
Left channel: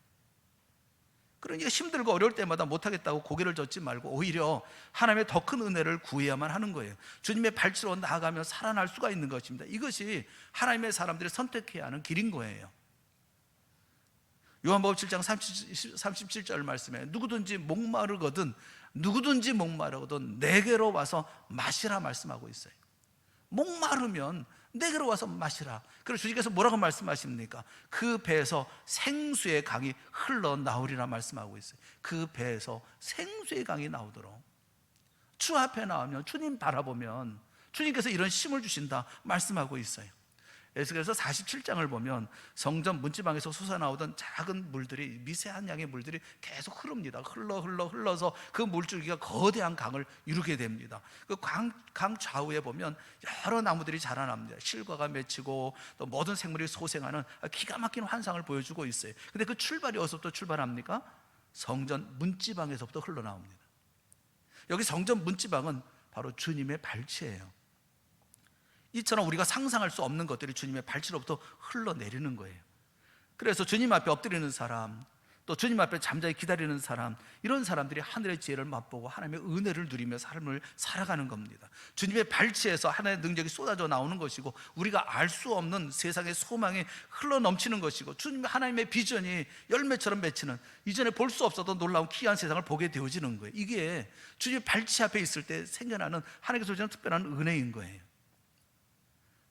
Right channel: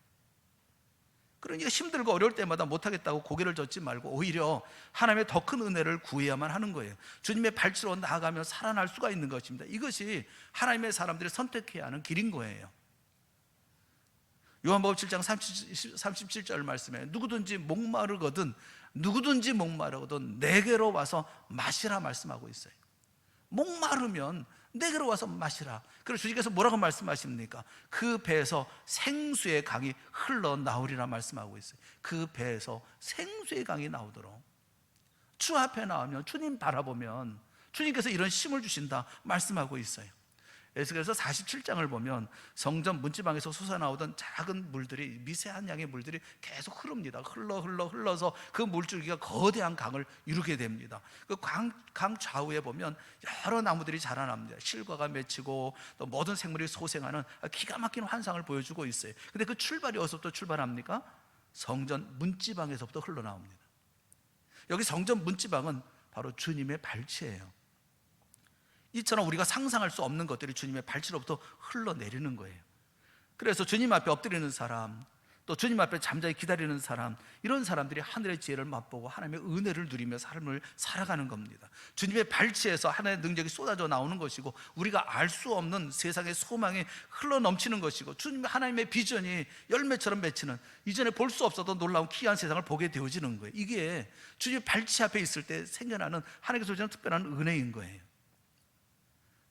그러니까 힘들고 어려울 때마다 못하겠다고 고개를 젓지 말고 오히려 하나님의 더 큰 은혜를 구해야만 하는 거예요. 주님의 발치로 나아가며 살아날 수가 있는 것입니다. 이것이 하나님의 사람들이 선택해야 하는 길인 거예요. 요한복음 7장 37절 말씀에 누구든지 목마르거든 내게로 와서 마시라 말씀하고 있어요. 목마르면 내게로 와서 마시라. 그래서 주님께서 뭐라고 말씀하십니까? 그 배에서 생수의 강이 흘러나오리라 말씀하고 있어요. 그 배에서 생수의 강이 나오도록. 주 앞에 나오면, 주님 바라보면 주님께서 이런 힘을 주신다 말씀하고 있어요. 에스겔서 47장을 보면 성전 문지방에서 솟아나오던 작은 물들이, 미세한 양의 물들이 계속 흐릅니다. 흘러서 그 물줄기가 거대한 강을 이루게 됩니다. 그 강 좌우에 보면 여러 나무들이 자라납니다. 실과가 맺히고 또 모든 생물이 소생하는 기가 막힌 환상을 보여주고 있어요. 근데 그 출발이 어디서부터 출발합니까? 성전 문지방에서부터 흘러나옵니다. 여기 성전 문지방은 바로 주님의 발치예요. 이처럼 우리가 상상할 수 없는 것들이 주님의 발치로부터 흘러내리는 거예요. 그래서 주님 앞에 엎드리는 사람, 또 주님 앞에 잠자히 기다리는 사람, 이런 사람들이 하늘의 지혜를 맛보고 하나님의 은혜를 누리며 삶을 살아가는 겁니다. 주님의 발치에서 하나님의 능력이 쏟아져 나오는 것이고, 우리가 알 수 없는 세상의 소망이 흘러넘치는 것이고, 주님의 하나님의 비전이 열매처럼 맺히는, 이전에 볼 수 없었던 놀라운 귀한 세상을 보게 되어지는 거예요. 이게 주님의 발치 앞에 있을 때 생겨나는 하나님께서 주시는 특별한 은혜인 거예요.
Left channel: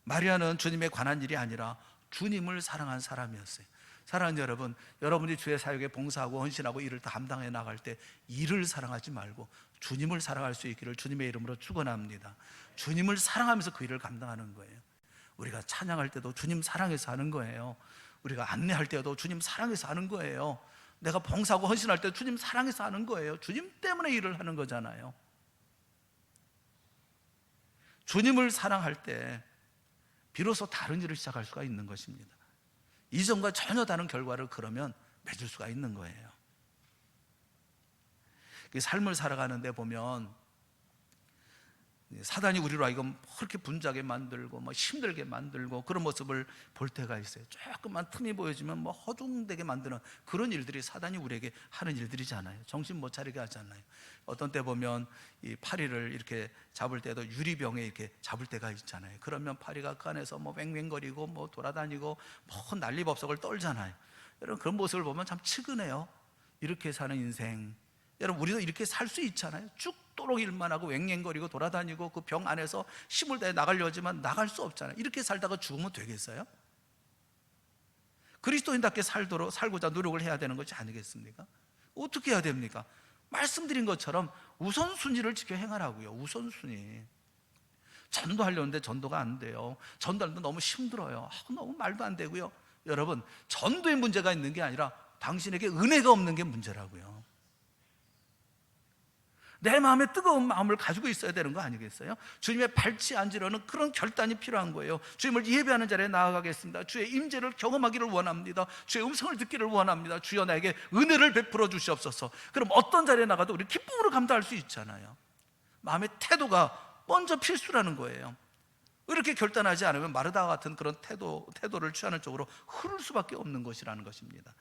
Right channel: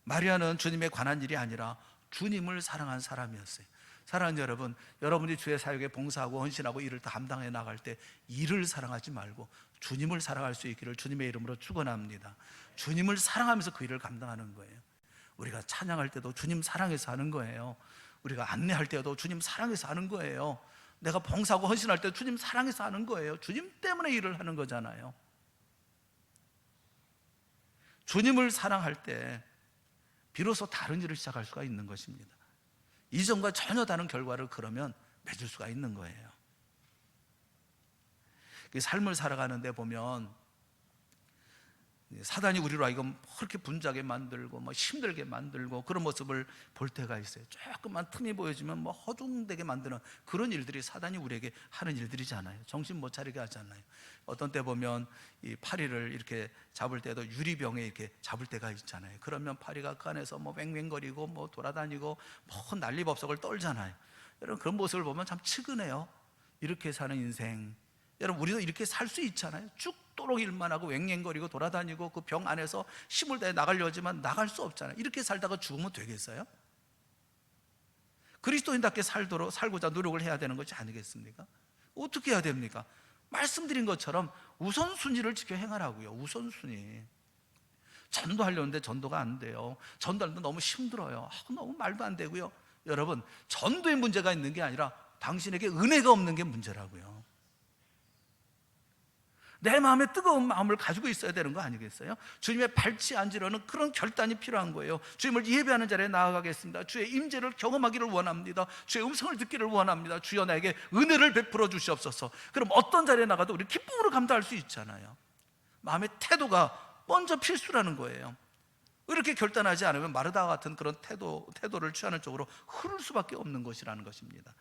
마리아는 주님에 관한 일이 아니라 주님을 사랑한 사람이었어요. 사랑하는 여러분, 여러분이 주의 사역에 봉사하고 헌신하고 일을 감당해 나갈 때 일을 사랑하지 말고 주님을 사랑할 수 있기를 주님의 이름으로 축원합니다. 주님을 사랑하면서 그 일을 감당하는 거예요. 우리가 찬양할 때도 주님 사랑해서 하는 거예요. 우리가 안내할 때도 주님 사랑해서 하는 거예요. 내가 봉사하고 헌신할 때 주님 사랑해서 하는 거예요. 주님 때문에 일을 하는 거잖아요. 주님을 사랑할 때 비로소 다른 일을 시작할 수가 있는 것입니다. 이전과 전혀 다른 결과를 그러면 맺을 수가 있는 거예요. 삶을 살아가는데 보면 사단이 우리로 하여금 그렇게 분주하게 만들고 힘들게 만들고 그런 모습을 볼 때가 있어요. 조금만 틈이 보여지면 허둥대게 만드는 그런 일들이 사단이 우리에게 하는 일들이잖아요. 정신 못 차리게 하잖아요. 어떤 때 보면 이 파리를 이렇게 잡을 때도 유리병에 이렇게 잡을 때가 있잖아요. 그러면 파리가 그 안에서 맹맹거리고 돌아다니고 난리법석을 떨잖아요. 여러분 그런 모습을 보면 참 측은해요. 이렇게 사는 인생, 여러분 우리도 이렇게 살 수 있잖아요. 죽도록 일만 하고 왱왱거리고 돌아다니고 그 병 안에서 힘을 다해 나가려 하지만 나갈 수 없잖아요. 이렇게 살다가 죽으면 되겠어요? 그리스도인답게 살고자 노력을 해야 되는 것이 아니겠습니까? 어떻게 해야 됩니까? 말씀드린 것처럼 우선순위를 지켜 행하라고요. 우선순위. 전도하려는데 전도가 안 돼요. 전도하는데 너무 힘들어요. 너무 말도 안 되고요. 여러분 전도에 문제가 있는 게 아니라 당신에게 은혜가 없는 게 문제라고요. 내 마음에 뜨거운 마음을 가지고 있어야 되는 거 아니겠어요? 주님의 발치 앉으려는 그런 결단이 필요한 거예요. 주님을 예배하는 자리에 나아가겠습니다. 주의 임재를 경험하기를 원합니다. 주의 음성을 듣기를 원합니다. 주여 나에게 은혜를 베풀어 주시옵소서. 그럼 어떤 자리에 나가도 우리 기쁨으로 감당할 수 있잖아요. 마음의 태도가 먼저 필수라는 거예요. 이렇게 결단하지 않으면 마르다 같은 그런 태도를 취하는 쪽으로 흐를 수밖에 없는 것이라는 것입니다.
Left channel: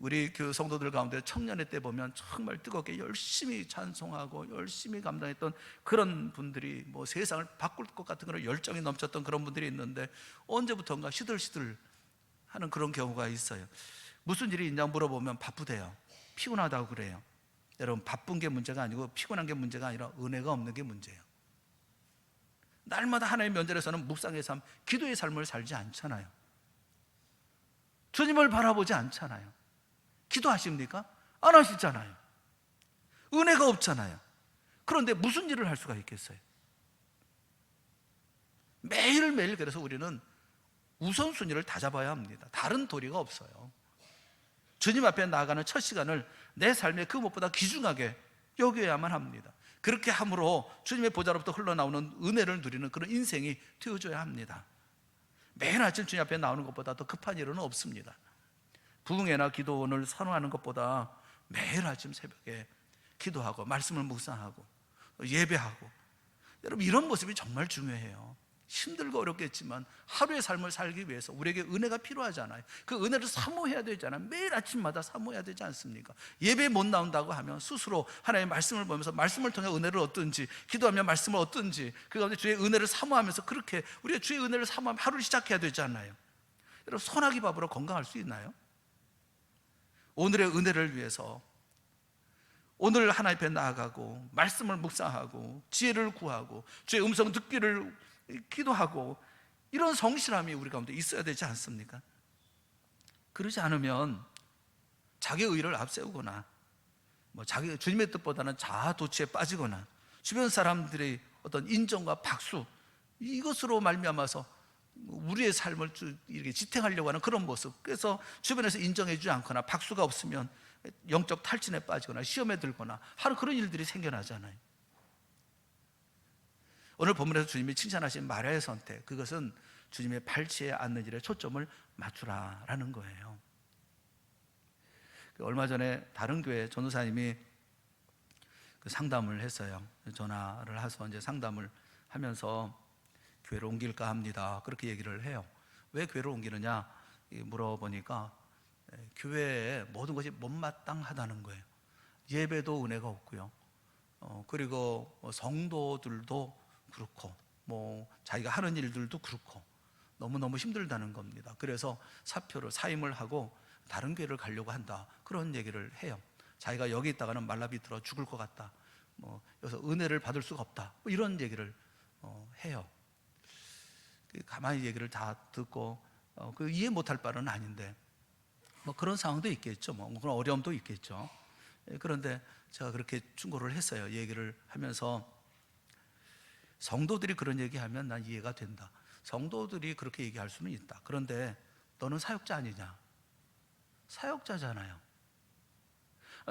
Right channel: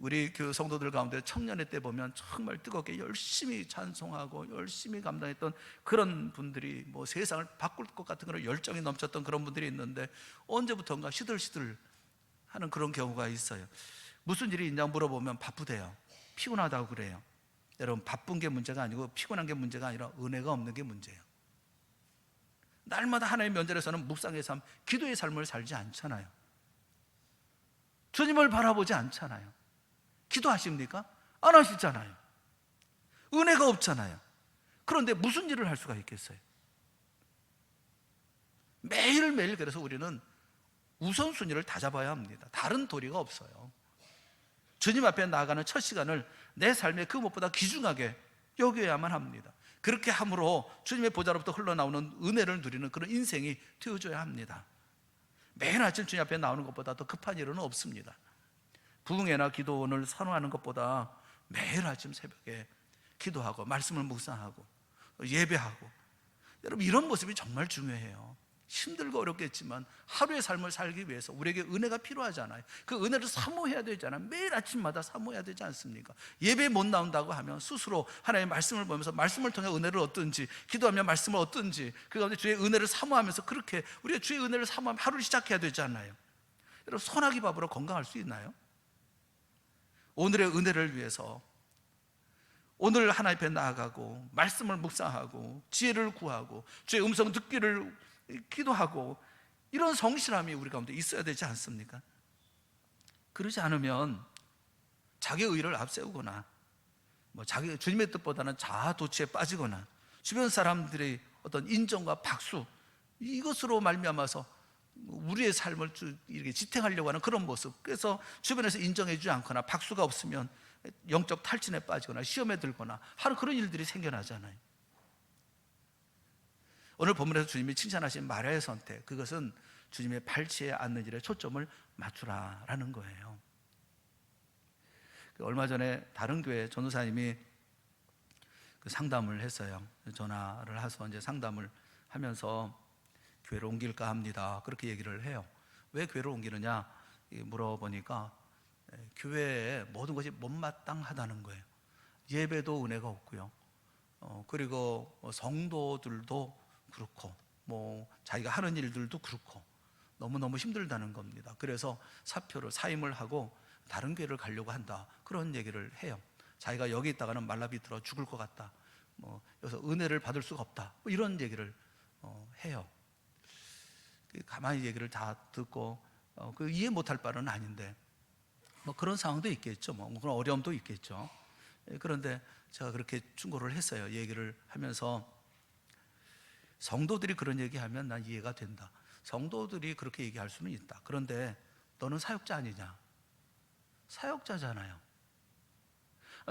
우리 교회 성도들 가운데 청년회 때 보면 정말 뜨겁게 열심히 찬송하고 열심히 감당했던 그런 분들이 세상을 바꿀 것 같은 그런 열정이 넘쳤던 그런 분들이 있는데 언제부턴가 시들시들 하는 그런 경우가 있어요. 무슨 일이 있냐고 물어보면 바쁘대요. 피곤하다고 그래요. 여러분 바쁜 게 문제가 아니고 피곤한 게 문제가 아니라 은혜가 없는 게 문제예요. 날마다 하나님의 면전에서는 묵상의 삶, 기도의 삶을 살지 않잖아요. 주님을 바라보지 않잖아요. 기도하십니까? 안 하시잖아요. 은혜가 없잖아요. 그런데 무슨 일을 할 수가 있겠어요? 매일매일 그래서 우리는 우선순위를 다 잡아야 합니다. 다른 도리가 없어요. 주님 앞에 나아가는 첫 시간을 내 삶의 그 무엇보다 귀중하게 여겨야만 합니다. 그렇게 함으로 주님의 보좌로부터 흘러나오는 은혜를 누리는 그런 인생이 되어줘야 합니다. 매일 아침 주님 앞에 나오는 것보다 더 급한 일은 없습니다. 부흥회나 기도원을 선호하는 것보다 매일 아침 새벽에 기도하고 말씀을 묵상하고 예배하고, 여러분 이런 모습이 정말 중요해요. 힘들고 어렵겠지만 하루의 삶을 살기 위해서 우리에게 은혜가 필요하잖아요. 그 은혜를 사모해야 되잖아요. 매일 아침마다 사모해야 되지 않습니까? 예배에 못 나온다고 하면 스스로 하나님의 말씀을 보면서 말씀을 통해 은혜를 얻든지, 기도하며 말씀을 얻든지, 그 가운데 주의 은혜를 사모하면서 그렇게 우리가 주의 은혜를 사모하며 하루를 시작해야 되잖아요. 여러분 소나기 밥으로 건강할 수 있나요? 오늘의 은혜를 위해서 오늘 하나님 앞에 나아가고 말씀을 묵상하고 지혜를 구하고 주의 음성 듣기를 기도하고, 이런 성실함이 우리 가운데 있어야 되지 않습니까? 그러지 않으면 자기의 의를 앞세우거나 자기 주님의 뜻보다는 자아도취에 빠지거나 주변 사람들의 어떤 인정과 박수, 이것으로 말미암아서 우리의 삶을 이렇게 지탱하려고 하는 그런 모습, 그래서 주변에서 인정해 주지 않거나 박수가 없으면 영적 탈진에 빠지거나 시험에 들거나 하는 그런 일들이 생겨나잖아요. 오늘 본문에서 주님이 칭찬하신 마리아의 선택, 그것은 주님의 발치에 앉는 일에 초점을 맞추라라는 거예요. 얼마 전에 다른 교회 전도사님이 상담을 했어요. 전화를 해서 이제 상담을 하면서 교회를 옮길까 합니다. 그렇게 얘기를 해요. 왜 교회를 옮기느냐 물어보니까 교회에 모든 것이 못마땅하다는 거예요. 예배도 은혜가 없고요. 그리고 성도들도 그렇고 자기가 하는 일들도 그렇고 너무너무 힘들다는 겁니다. 그래서 사임을 하고 다른 교회를 가려고 한다, 그런 얘기를 해요. 자기가 여기 있다가는 말라비틀어 죽을 것 같다, 여기서 은혜를 받을 수가 없다, 이런 얘기를 해요. 가만히 얘기를 다 듣고 이해 못할 바는 아닌데 그런 상황도 있겠죠. 그런 어려움도 있겠죠. 그런데 제가 그렇게 충고를 했어요. 얘기를 하면서 성도들이 그런 얘기하면 난 이해가 된다. 성도들이 그렇게 얘기할 수는 있다. 그런데 너는 사역자 아니냐? 사역자잖아요.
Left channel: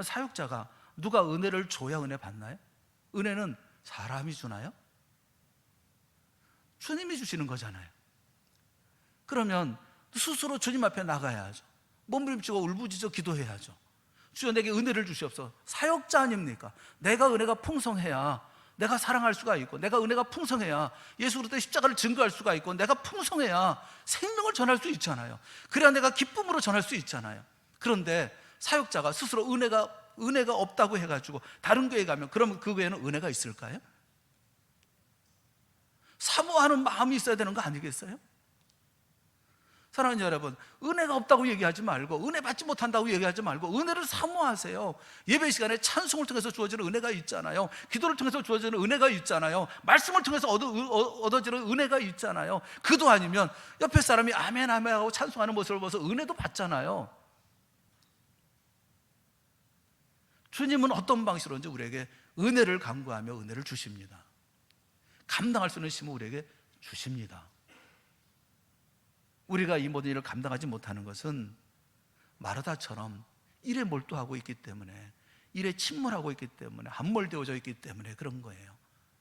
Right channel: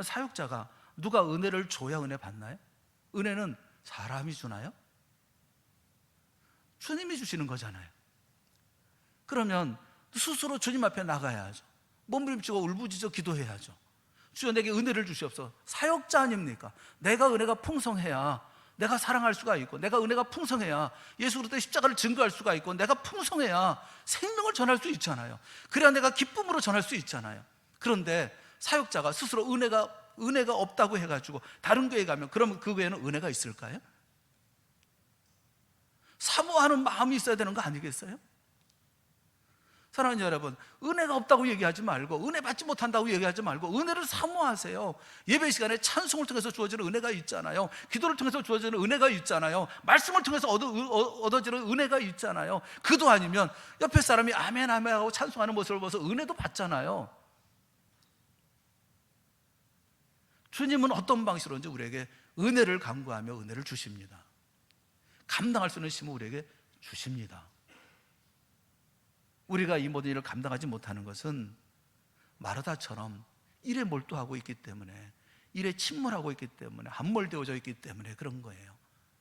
사역자가 누가 은혜를 줘야 은혜 받나요? 은혜는 사람이 주나요? 주님이 주시는 거잖아요. 그러면 스스로 주님 앞에 나가야죠. 몸부림치고 울부짖어 기도해야죠. 주여 내게 은혜를 주시옵소서. 사역자 아닙니까? 내가 은혜가 풍성해야 내가 사랑할 수가 있고, 내가 은혜가 풍성해야 예수 그리스도의 십자가를 증거할 수가 있고, 내가 풍성해야 생명을 전할 수 있잖아요. 그래야 내가 기쁨으로 전할 수 있잖아요. 그런데 사역자가 스스로 은혜가 없다고 해가지고 다른 교회 가면 그러면 그 교회는 은혜가 있을까요? 사모하는 마음이 있어야 되는 거 아니겠어요? 사랑하는 여러분, 은혜가 없다고 얘기하지 말고, 은혜 받지 못한다고 얘기하지 말고 은혜를 사모하세요. 예배 시간에 찬송을 통해서 주어지는 은혜가 있잖아요. 기도를 통해서 주어지는 은혜가 있잖아요. 말씀을 통해서 얻어지는 은혜가 있잖아요. 그도 아니면 옆에 사람이 아멘 아멘 하고 찬송하는 모습을 보면서 은혜도 받잖아요. 주님은 어떤 방식으로든지 우리에게 은혜를 간구하며 은혜를 주십니다. 감당할 수 있는 힘을 우리에게 주십니다. 우리가 이 모든 일을 감당하지 못하는 것은 마르다처럼 일에 몰두하고 있기 때문에, 일에 침몰하고 있기 때문에, 함몰되어져 있기 때문에 그런 거예요.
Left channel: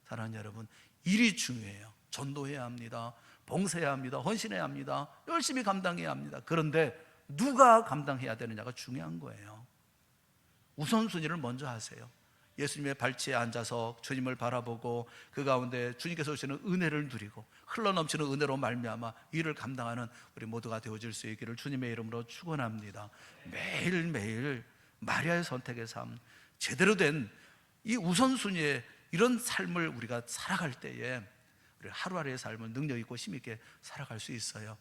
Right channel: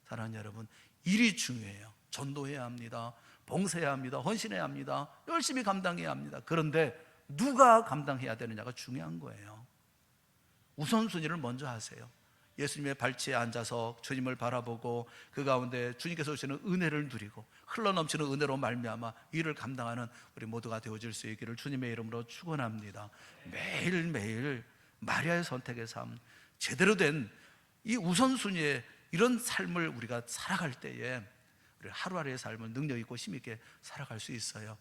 사랑하는 여러분, 일이 중요해요. 전도해야 합니다. 봉사해야 합니다. 헌신해야 합니다. 열심히 감당해야 합니다. 그런데 누가 감당해야 되느냐가 중요한 거예요. 우선순위를 먼저 하세요. 예수님의 발치에 앉아서 주님을 바라보고 그 가운데 주님께서 주시는 은혜를 누리고 흘러넘치는 은혜로 말미암아 일을 감당하는 우리 모두가 되어질 수 있기를 주님의 이름으로 축원합니다. 매일매일 마리아의 선택의 삶, 제대로 된 이 우선순위의 이런 삶을 우리가 살아갈 때에 우리 하루하루의 삶을 능력 있고 힘 있게 살아갈 수 있어요.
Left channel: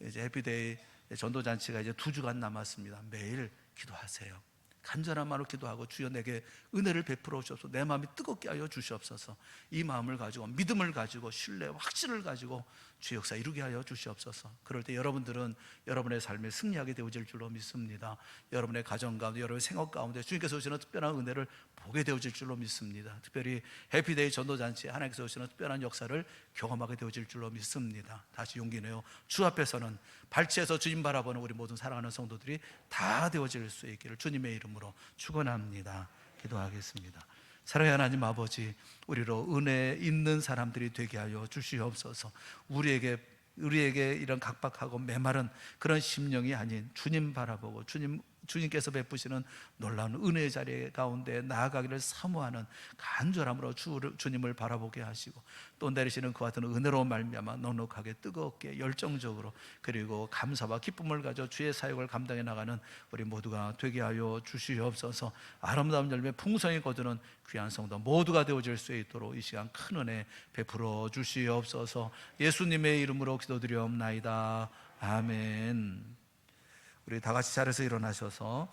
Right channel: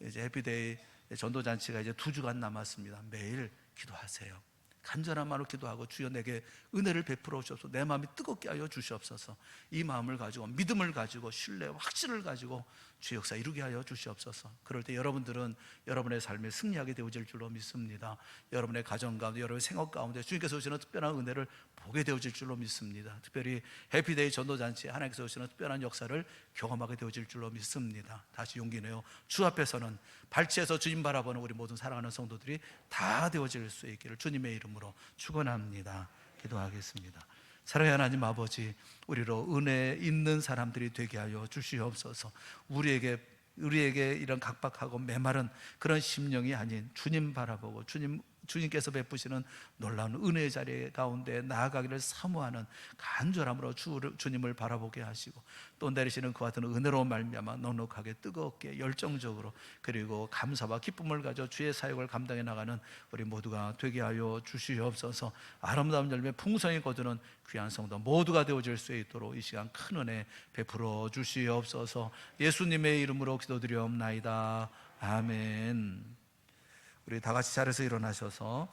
이제 해피데이 전도잔치가 이제 2주간 남았습니다. 매일 기도하세요. 간절한 마음으로 기도하고 주여 내게 은혜를 베풀어 주옵소서. 내 마음이 뜨겁게 하여 주시옵소서. 이 마음을 가지고 믿음을 가지고 신뢰, 확신을 가지고 주 역사 이루게 하여 주시옵소서. 그럴 때 여러분들은 여러분의 삶에 승리하게 되어질 줄로 믿습니다. 여러분의 가정 가운데, 여러분의 생업 가운데 주님께서 주시는 특별한 은혜를 보게 되어질 줄로 믿습니다. 특별히 해피데이 전도잔치에 하나님께서 주시는 특별한 역사를 경험하게 되어질 줄로 믿습니다. 다시 용기 내어 주 앞에서는 발치에서 주님 바라보는 우리 모든 사랑하는 성도들이 다 되어질 수 있기를 주님의 이름으로 축원합니다. 기도하겠습니다. 사랑의 하나님 아버지, 우리로 은혜 있는 사람들이 되게 하여 주시옵소서. 우리에게 이런 각박하고 메마른 그런 심령이 아닌 주님 바라보고 주님께서 베푸시는 놀라운 은혜의 자리 가운데 나아가기를 사모하는 간절함으로 주님을 바라보게 하시고 또 내리시는 그와 같은 은혜로 말미암아 넉넉하게 뜨겁게 열정적으로 그리고 감사와 기쁨을 가져 주의 사역을 감당해 나가는 우리 모두가 되게 하여 주시옵소서. 아름다운 열매 풍성히 거두는 귀한 성도 모두가 되어질 수 있도록 이 시간 큰 은혜 베풀어 주시옵소서. 예수님의 이름으로 기도드리옵나이다. 아멘. 우리 다 같이 자리에서 일어나셔서